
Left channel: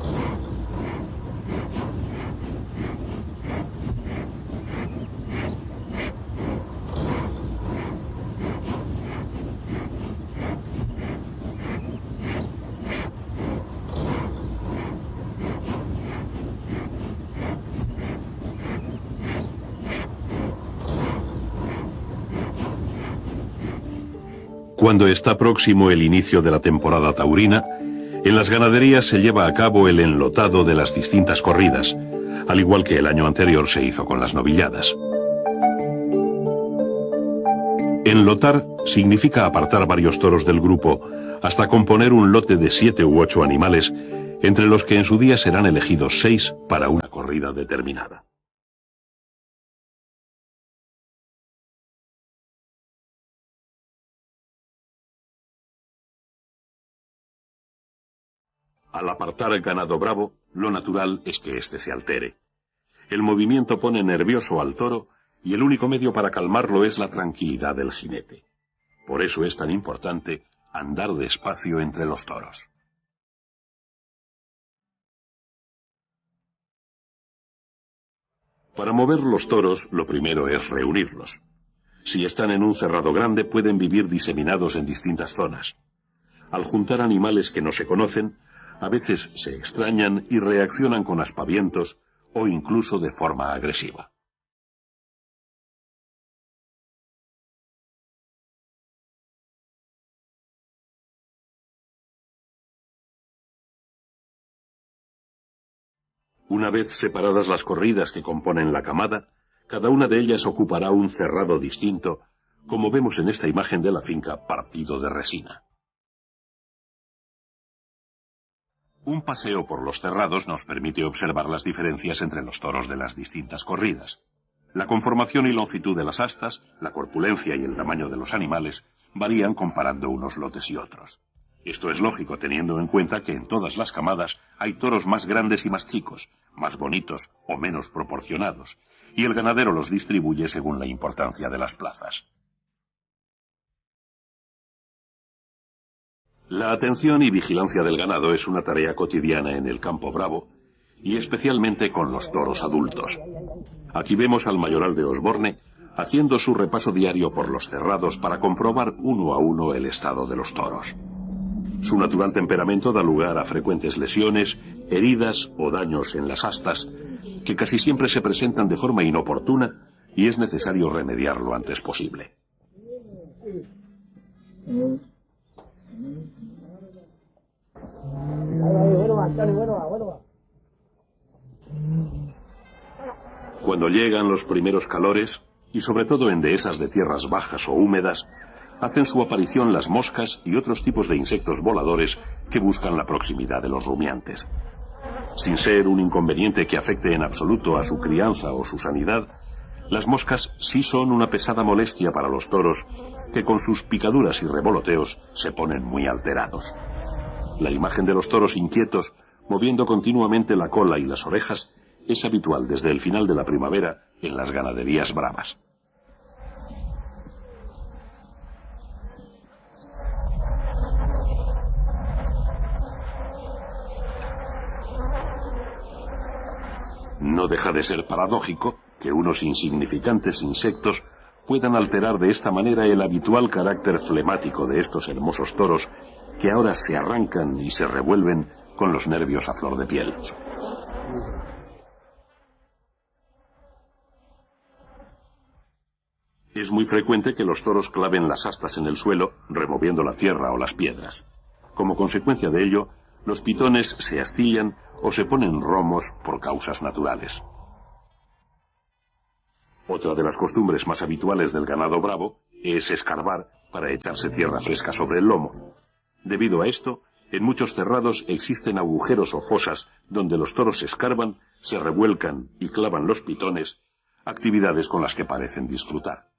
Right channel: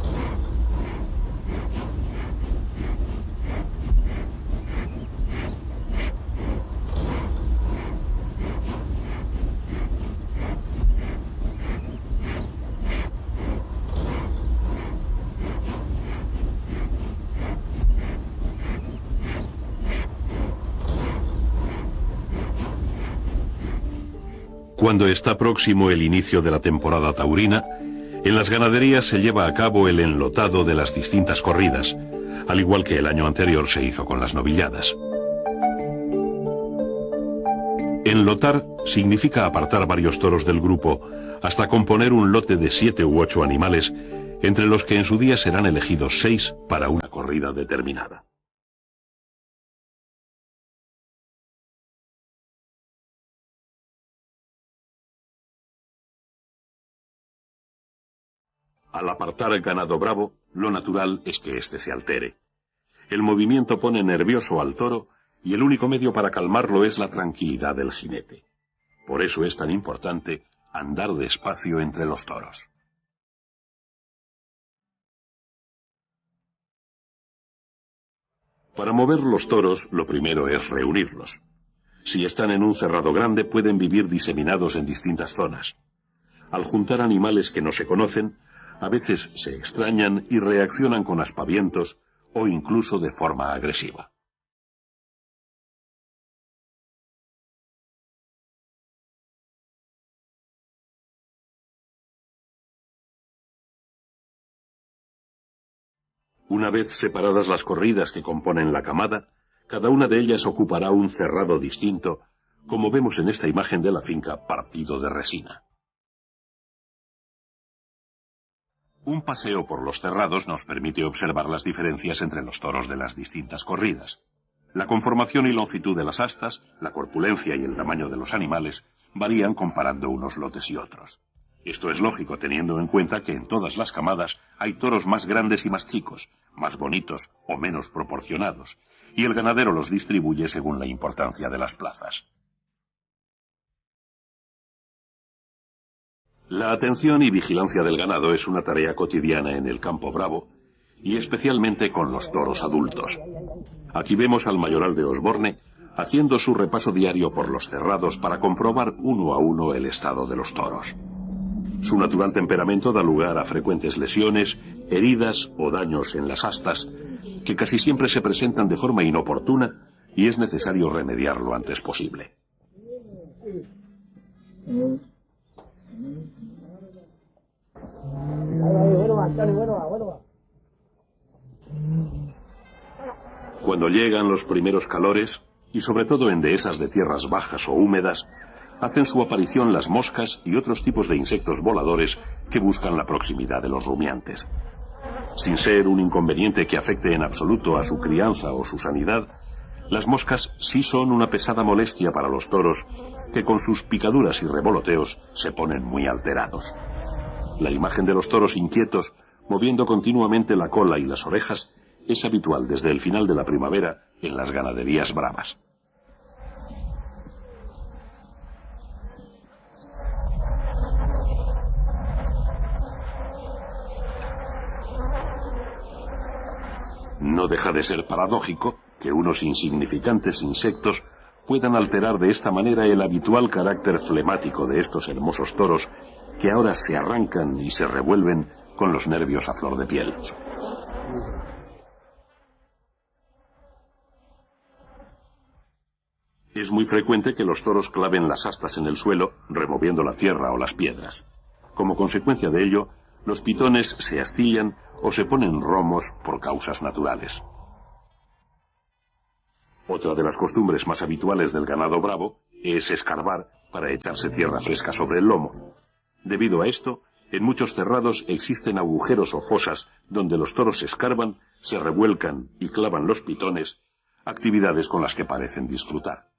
Cuando está próximo el inicio de la temporada taurina, en las ganaderías se lleva a cabo el enlotado de las distintas corridas, al igual que el año anterior se hizo con las novilladas. Enlotar significa apartar varios toros del grupo hasta componer un lote de 7 u 8 animales, entre los que en su día serán elegidos 6 para una corrida determinada. Al apartar el ganado bravo, lo natural es que éste se altere. El movimiento pone nervioso al toro y el único medio para calmarlo es la tranquilidad del jinete. Por eso es tan importante andar despacio entre los toros. Para mover los toros, lo primero es reunirlos. Si están en un cerrado grande, pueden vivir diseminados en distintas zonas. Al juntar animales que no se conocen, a veces se extrañan y reaccionan con aspavientos o incluso de forma agresiva. Una vez separadas las corridas que componen la camada, cada una de ellas ocupará un cerrado distinto, como vemos en esta imagen de la finca Partido de Resina. Un paseo por los cerrados nos permite observar las diferencias entre los toros de las distintas corridas. La conformación y longitud de las astas, la corpulencia y el tamaño de los animales varían comparando unos lotes y otros. Esto es lógico teniendo en cuenta que en todas las camadas hay toros más grandes y más chicos, más bonitos o menos proporcionados, y el ganadero los distribuye según la importancia de las plazas. La atención y vigilancia del ganado es una tarea cotidiana en el campo bravo, y especialmente con los toros adultos. Aquí vemos al mayoral de Osborne haciendo su repaso diario por los cerrados para comprobar uno a uno el estado de los toros. Su natural temperamento da lugar a frecuentes lesiones, heridas o daños en las astas, que casi siempre se presentan de forma inoportuna y es necesario remediar lo antes posible. Cuando llegan los primeros calores, y sobre todo en dehesas de tierras bajas o húmedas, hacen su aparición las moscas y otros tipos de insectos voladores que buscan la proximidad de los rumiantes. Sin ser un inconveniente que afecte en absoluto a su crianza o su sanidad, las moscas sí son una pesada molestia para los toros que con sus picaduras y revoloteos se ponen muy alterados. La imagen de los toros inquietos, moviendo continuamente la cola y las orejas, es habitual desde el final de la primavera en las ganaderías bravas. No deja de ser paradójico que unos insignificantes insectos puedan alterar de esta manera el habitual carácter flemático de estos hermosos toros que ahora se arrancan y se revuelven con los nervios a flor de piel. Es muy frecuente que los toros claven las astas en el suelo, removiendo la tierra o las piedras. Como consecuencia de ello, los pitones se astillan o se ponen romos por causas naturales. Otra de las costumbres más habituales del ganado bravo es escarbar para echarse tierra fresca sobre el lomo. Debido a esto, en muchos cerrados existen agujeros o fosas donde los toros escarban, se revuelcan y clavan los pitones, actividades con las que parecen disfrutar.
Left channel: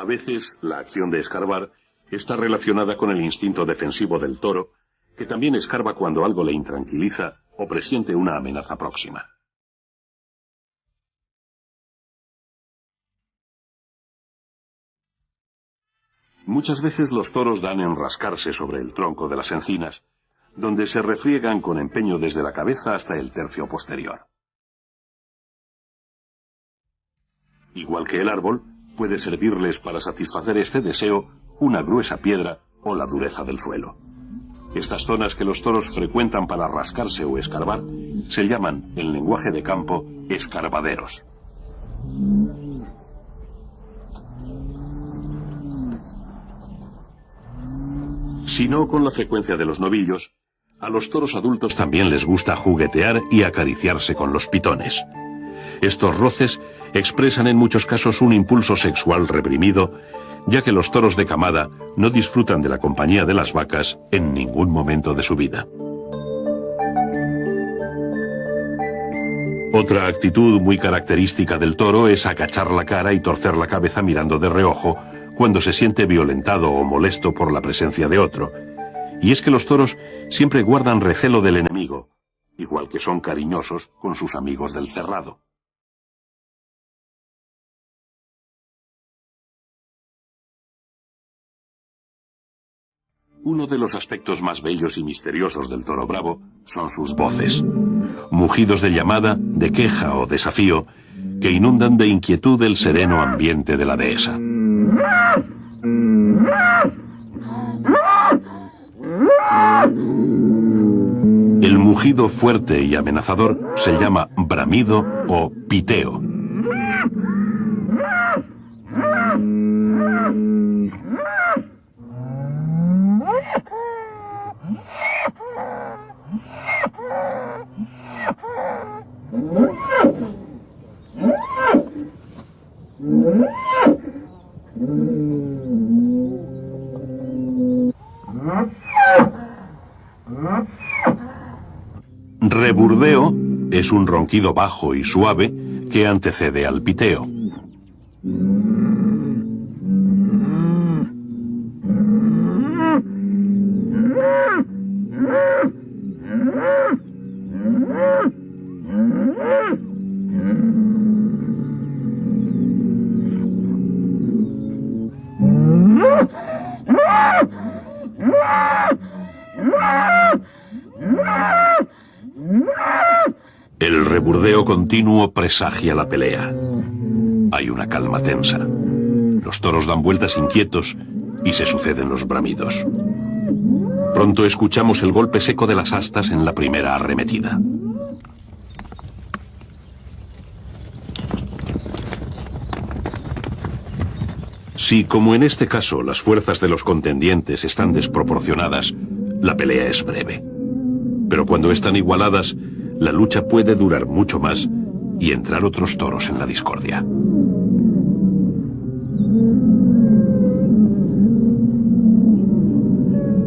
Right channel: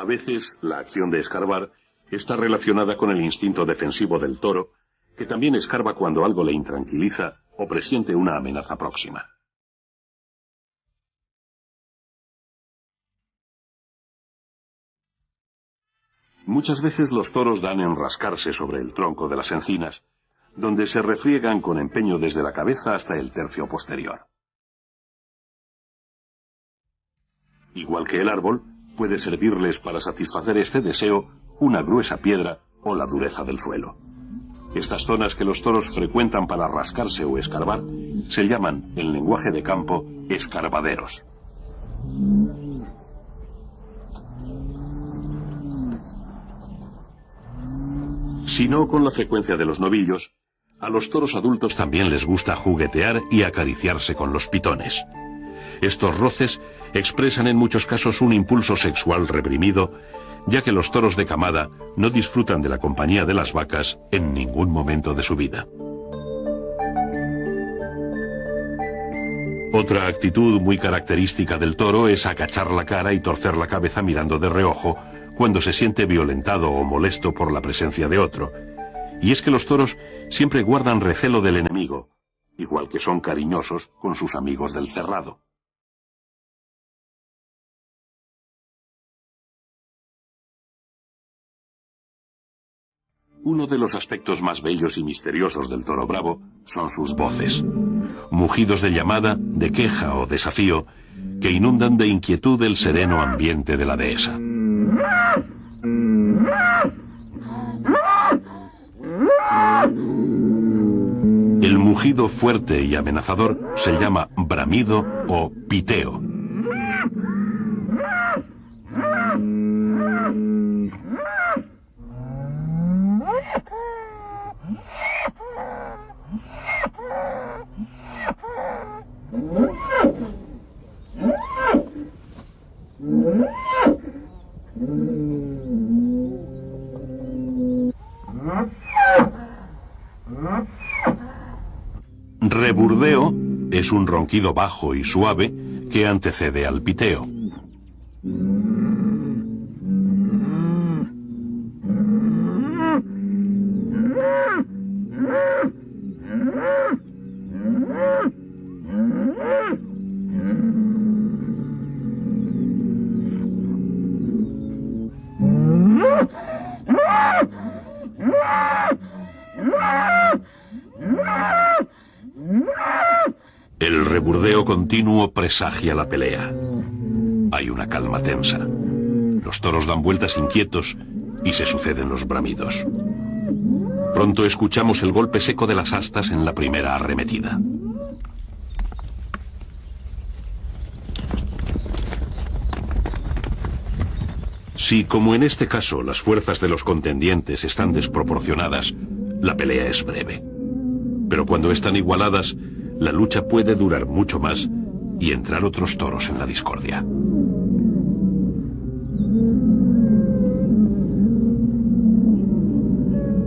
A veces, la acción de escarbar está relacionada con el instinto defensivo del toro, que también escarba cuando algo le intranquiliza o presiente una amenaza próxima. Muchas veces los toros dan en rascarse sobre el tronco de las encinas, donde se refriegan con empeño desde la cabeza hasta el tercio posterior. Igual que el árbol, puede servirles para satisfacer este deseo una gruesa piedra o la dureza del suelo. Estas zonas que los toros frecuentan para rascarse o escarbar se llaman, en lenguaje de campo, escarbaderos. Si no con la frecuencia de los novillos, a los toros adultos también les gusta juguetear y acariciarse con los pitones. Estos roces expresan en muchos casos un impulso sexual reprimido, ya que los toros de camada no disfrutan de la compañía de las vacas en ningún momento de su vida. Otra actitud muy característica del toro es agachar la cara y torcer la cabeza mirando de reojo cuando se siente violentado o molesto por la presencia de otro. Y es que los toros siempre guardan recelo del enemigo, igual que son cariñosos con sus amigos del cerrado. Uno de los aspectos más bellos y misteriosos del toro bravo son sus voces. Mugidos de llamada, de queja o desafío que inundan de inquietud el sereno ambiente de la dehesa. El mugido fuerte y amenazador se llama bramido o piteo. Reburdeo es un ronquido bajo y suave que antecede al piteo. El reburdeo continuo presagia la pelea. Hay una calma tensa. Los toros dan vueltas inquietos y se suceden los bramidos. Pronto escuchamos el golpe seco de las astas en la primera arremetida. Si, como en este caso, las fuerzas de los contendientes están desproporcionadas, la pelea es breve. Pero cuando están igualadas, la lucha puede durar mucho más y entrar otros toros en la discordia.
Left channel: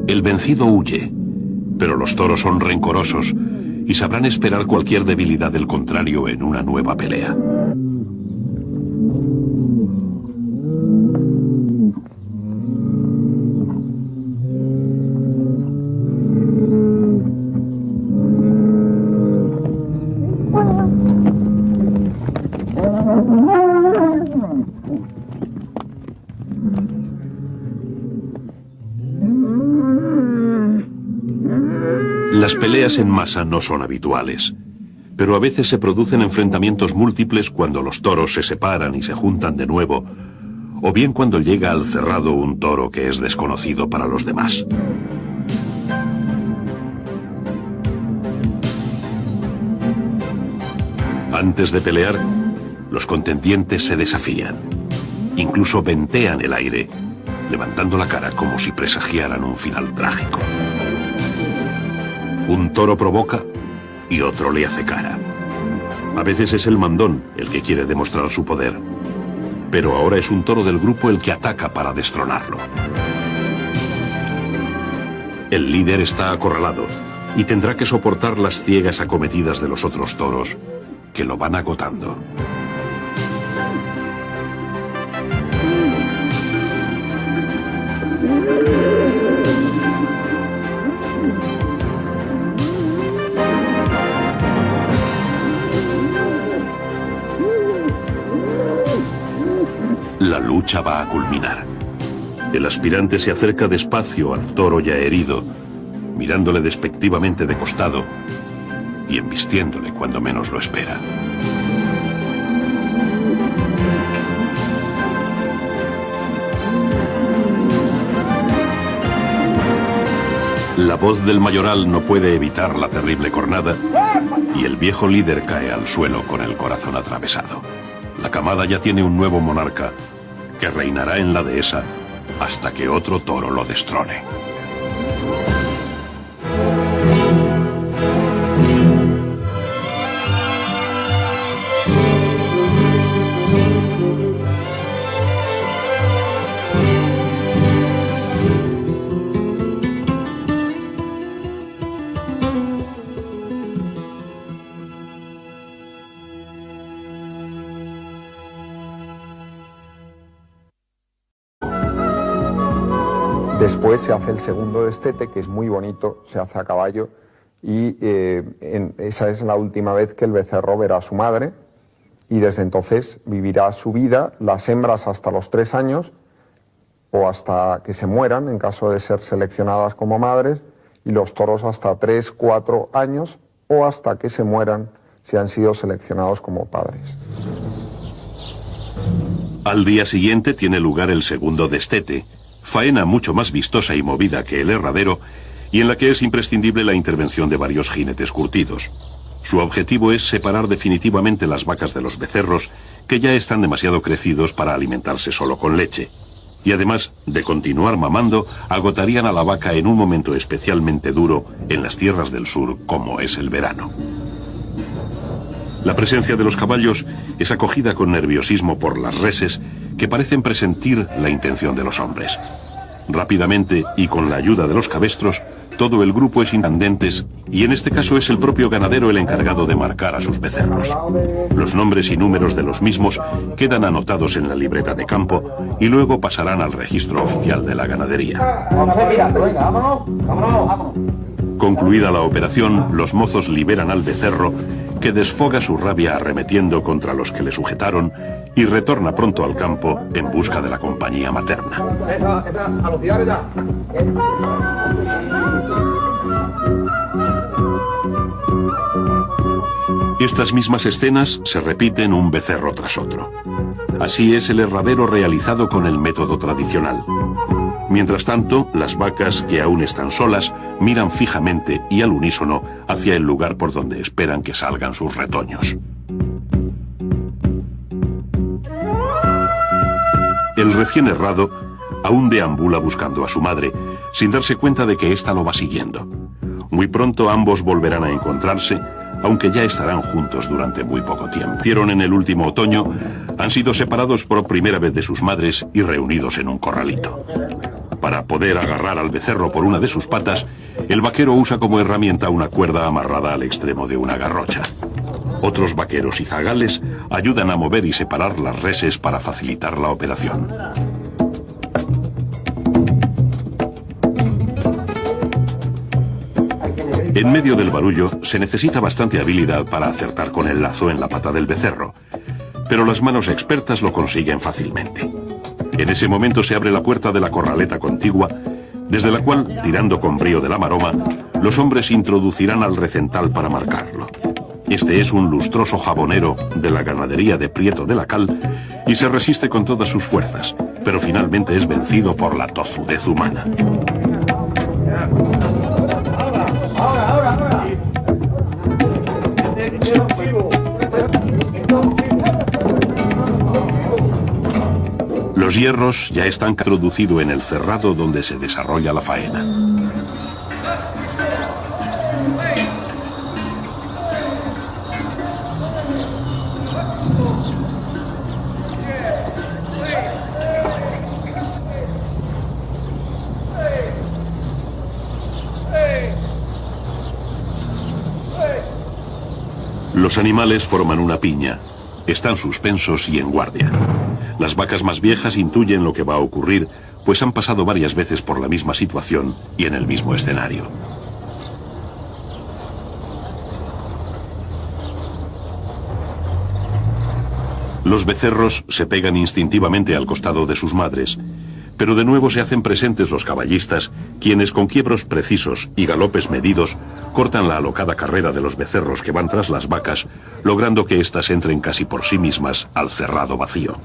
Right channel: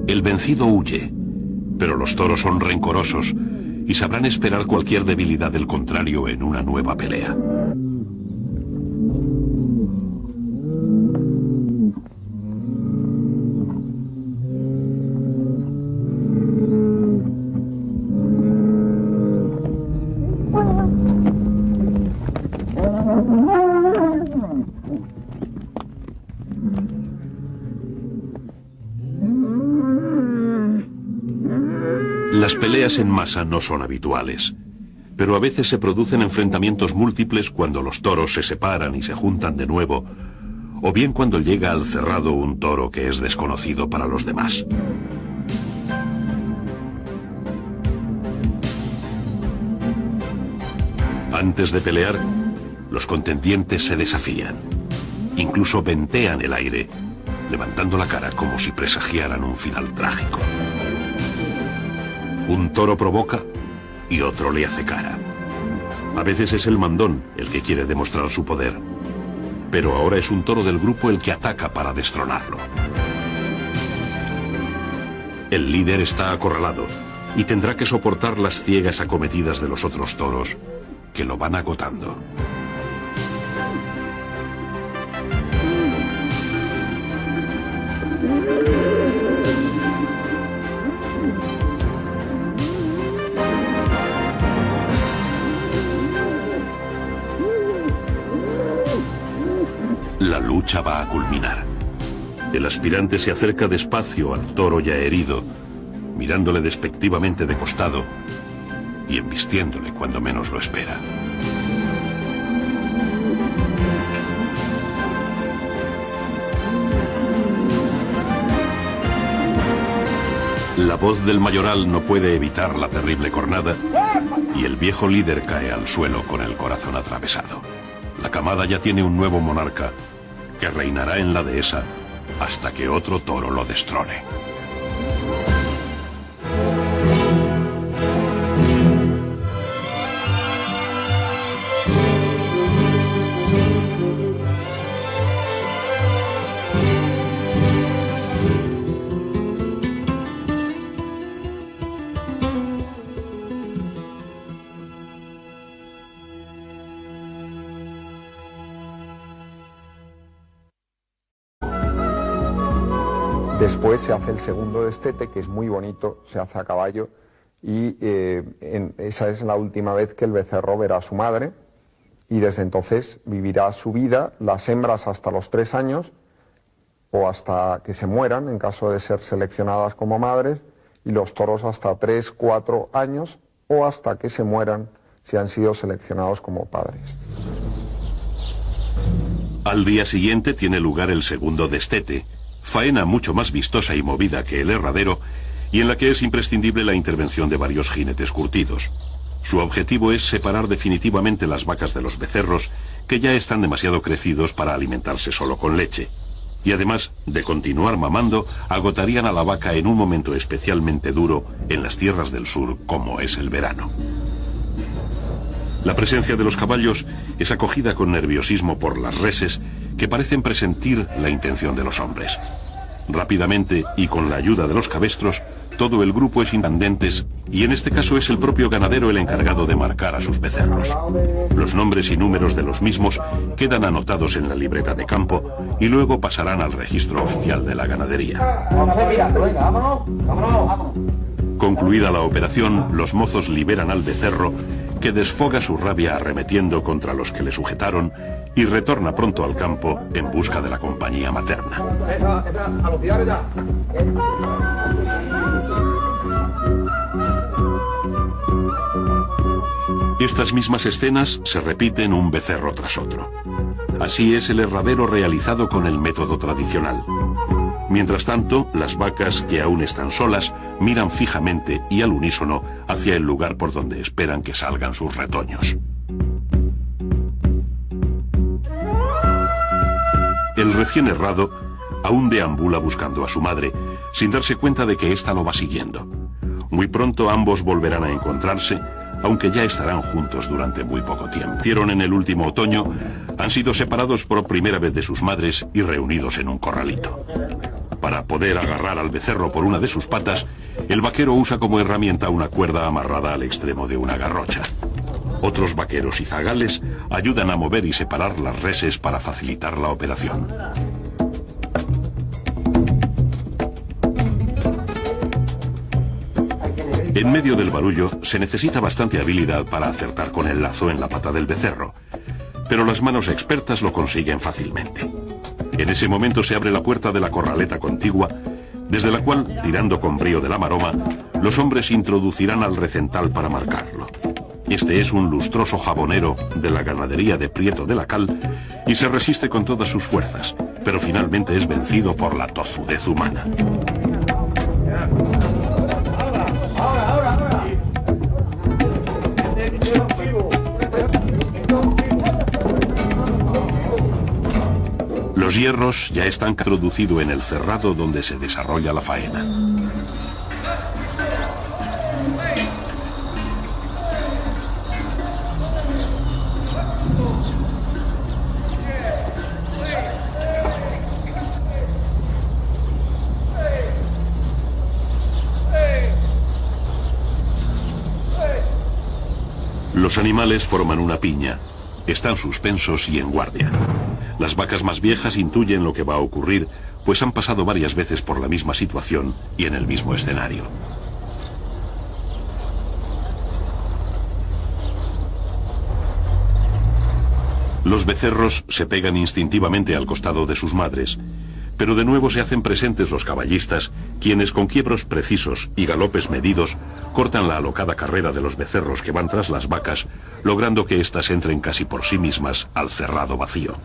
El vencido huye, pero los toros son rencorosos y sabrán esperar cualquier debilidad del contrario en una nueva pelea. Las peleas en masa no son habituales, pero a veces se producen enfrentamientos múltiples cuando los toros se separan y se juntan de nuevo, o bien cuando llega al cerrado un toro que es desconocido para los demás. Antes de pelear, los contendientes se desafían, incluso ventean el aire, levantando la cara como si presagiaran un final trágico. Un toro provoca y otro le hace cara. A veces es el mandón el que quiere demostrar su poder, pero ahora es un toro del grupo el que ataca para destronarlo. El líder está acorralado y tendrá que soportar las ciegas acometidas de los otros toros que lo van agotando. La lucha va a culminar. El aspirante se acerca despacio al toro ya herido, mirándole despectivamente de costado y embistiéndole cuando menos lo espera. La voz del mayoral no puede evitar la terrible cornada y el viejo líder cae al suelo con el corazón atravesado. La camada ya tiene un nuevo monarca que reinará en la dehesa hasta que otro toro lo destrone. Después se hace el segundo destete, que es muy bonito, se hace a caballo, y esa es la última vez que el becerro verá a su madre, y desde entonces vivirá su vida, las hembras hasta los 3 años, o hasta que se mueran, en caso de ser seleccionadas como madres, y los toros hasta 3, 4 años, o hasta que se mueran si han sido seleccionados como padres. Al día siguiente tiene lugar el segundo destete, faena mucho más vistosa y movida que el herradero, y en la que es imprescindible la intervención de varios jinetes curtidos. Su objetivo es separar definitivamente las vacas de los becerros, que ya están demasiado crecidos para alimentarse solo con leche. Y además de continuar mamando, agotarían a la vaca en un momento especialmente duro en las tierras del sur, como es el verano. La presencia de los caballos es acogida con nerviosismo por las reses, que parecen presentir la intención de los hombres. Rápidamente, y con la ayuda de los cabestros, todo el grupo es incandentes, y en este caso es el propio ganadero el encargado de marcar a sus becerros. Los nombres y números de los mismos quedan anotados en la libreta de campo y luego pasarán al registro oficial de la ganadería. Concluida la operación, los mozos liberan al becerro, que desfoga su rabia arremetiendo contra los que le sujetaron y retorna pronto al campo en busca de la compañía materna. Estas mismas escenas se repiten un becerro tras otro. Así es el herradero realizado con el método tradicional. Mientras tanto, las vacas, que aún están solas, miran fijamente y al unísono hacia el lugar por donde esperan que salgan sus retoños. El recién herrado aún deambula buscando a su madre, sin darse cuenta de que ésta lo va siguiendo. Muy pronto ambos volverán a encontrarse, aunque ya estarán juntos durante muy poco tiempo. Nacieron en el último otoño, han sido separados por primera vez de sus madres y reunidos en un corralito. Para poder agarrar al becerro por una de sus patas, el vaquero usa como herramienta una cuerda amarrada al extremo de una garrocha. Otros vaqueros y zagales ayudan a mover y separar las reses para facilitar la operación. En medio del barullo se necesita bastante habilidad para acertar con el lazo en la pata del becerro, pero las manos expertas lo consiguen fácilmente. En ese momento se abre la puerta de la corraleta contigua, desde la cual, tirando con brío de la maroma, los hombres introducirán al recental para marcarlo. Este es un lustroso jabonero de la ganadería de Prieto de la Cal y se resiste con todas sus fuerzas, pero finalmente es vencido por la tozudez humana. Los hierros ya están introducidos en el cerrado donde se desarrolla la faena. Los animales forman una piña. Están suspensos y en guardia. Las vacas más viejas intuyen lo que va a ocurrir, pues han pasado varias veces por la misma situación y en el mismo escenario. Los becerros se pegan instintivamente al costado de sus madres, pero de nuevo se hacen presentes los caballistas, quienes con quiebros precisos y galopes medidos cortan la alocada carrera de los becerros que van tras las vacas, logrando que éstas entren casi por sí mismas al cerrado vacío.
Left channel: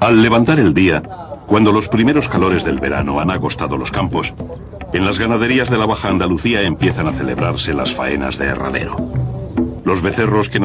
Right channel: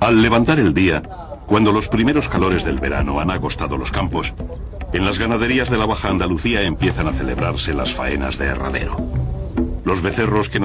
Al levantar el día, Cuando los primeros calores del verano han agostado los campos, en las ganaderías de la Baja Andalucía empiezan a celebrarse las faenas de herradero. Los becerros que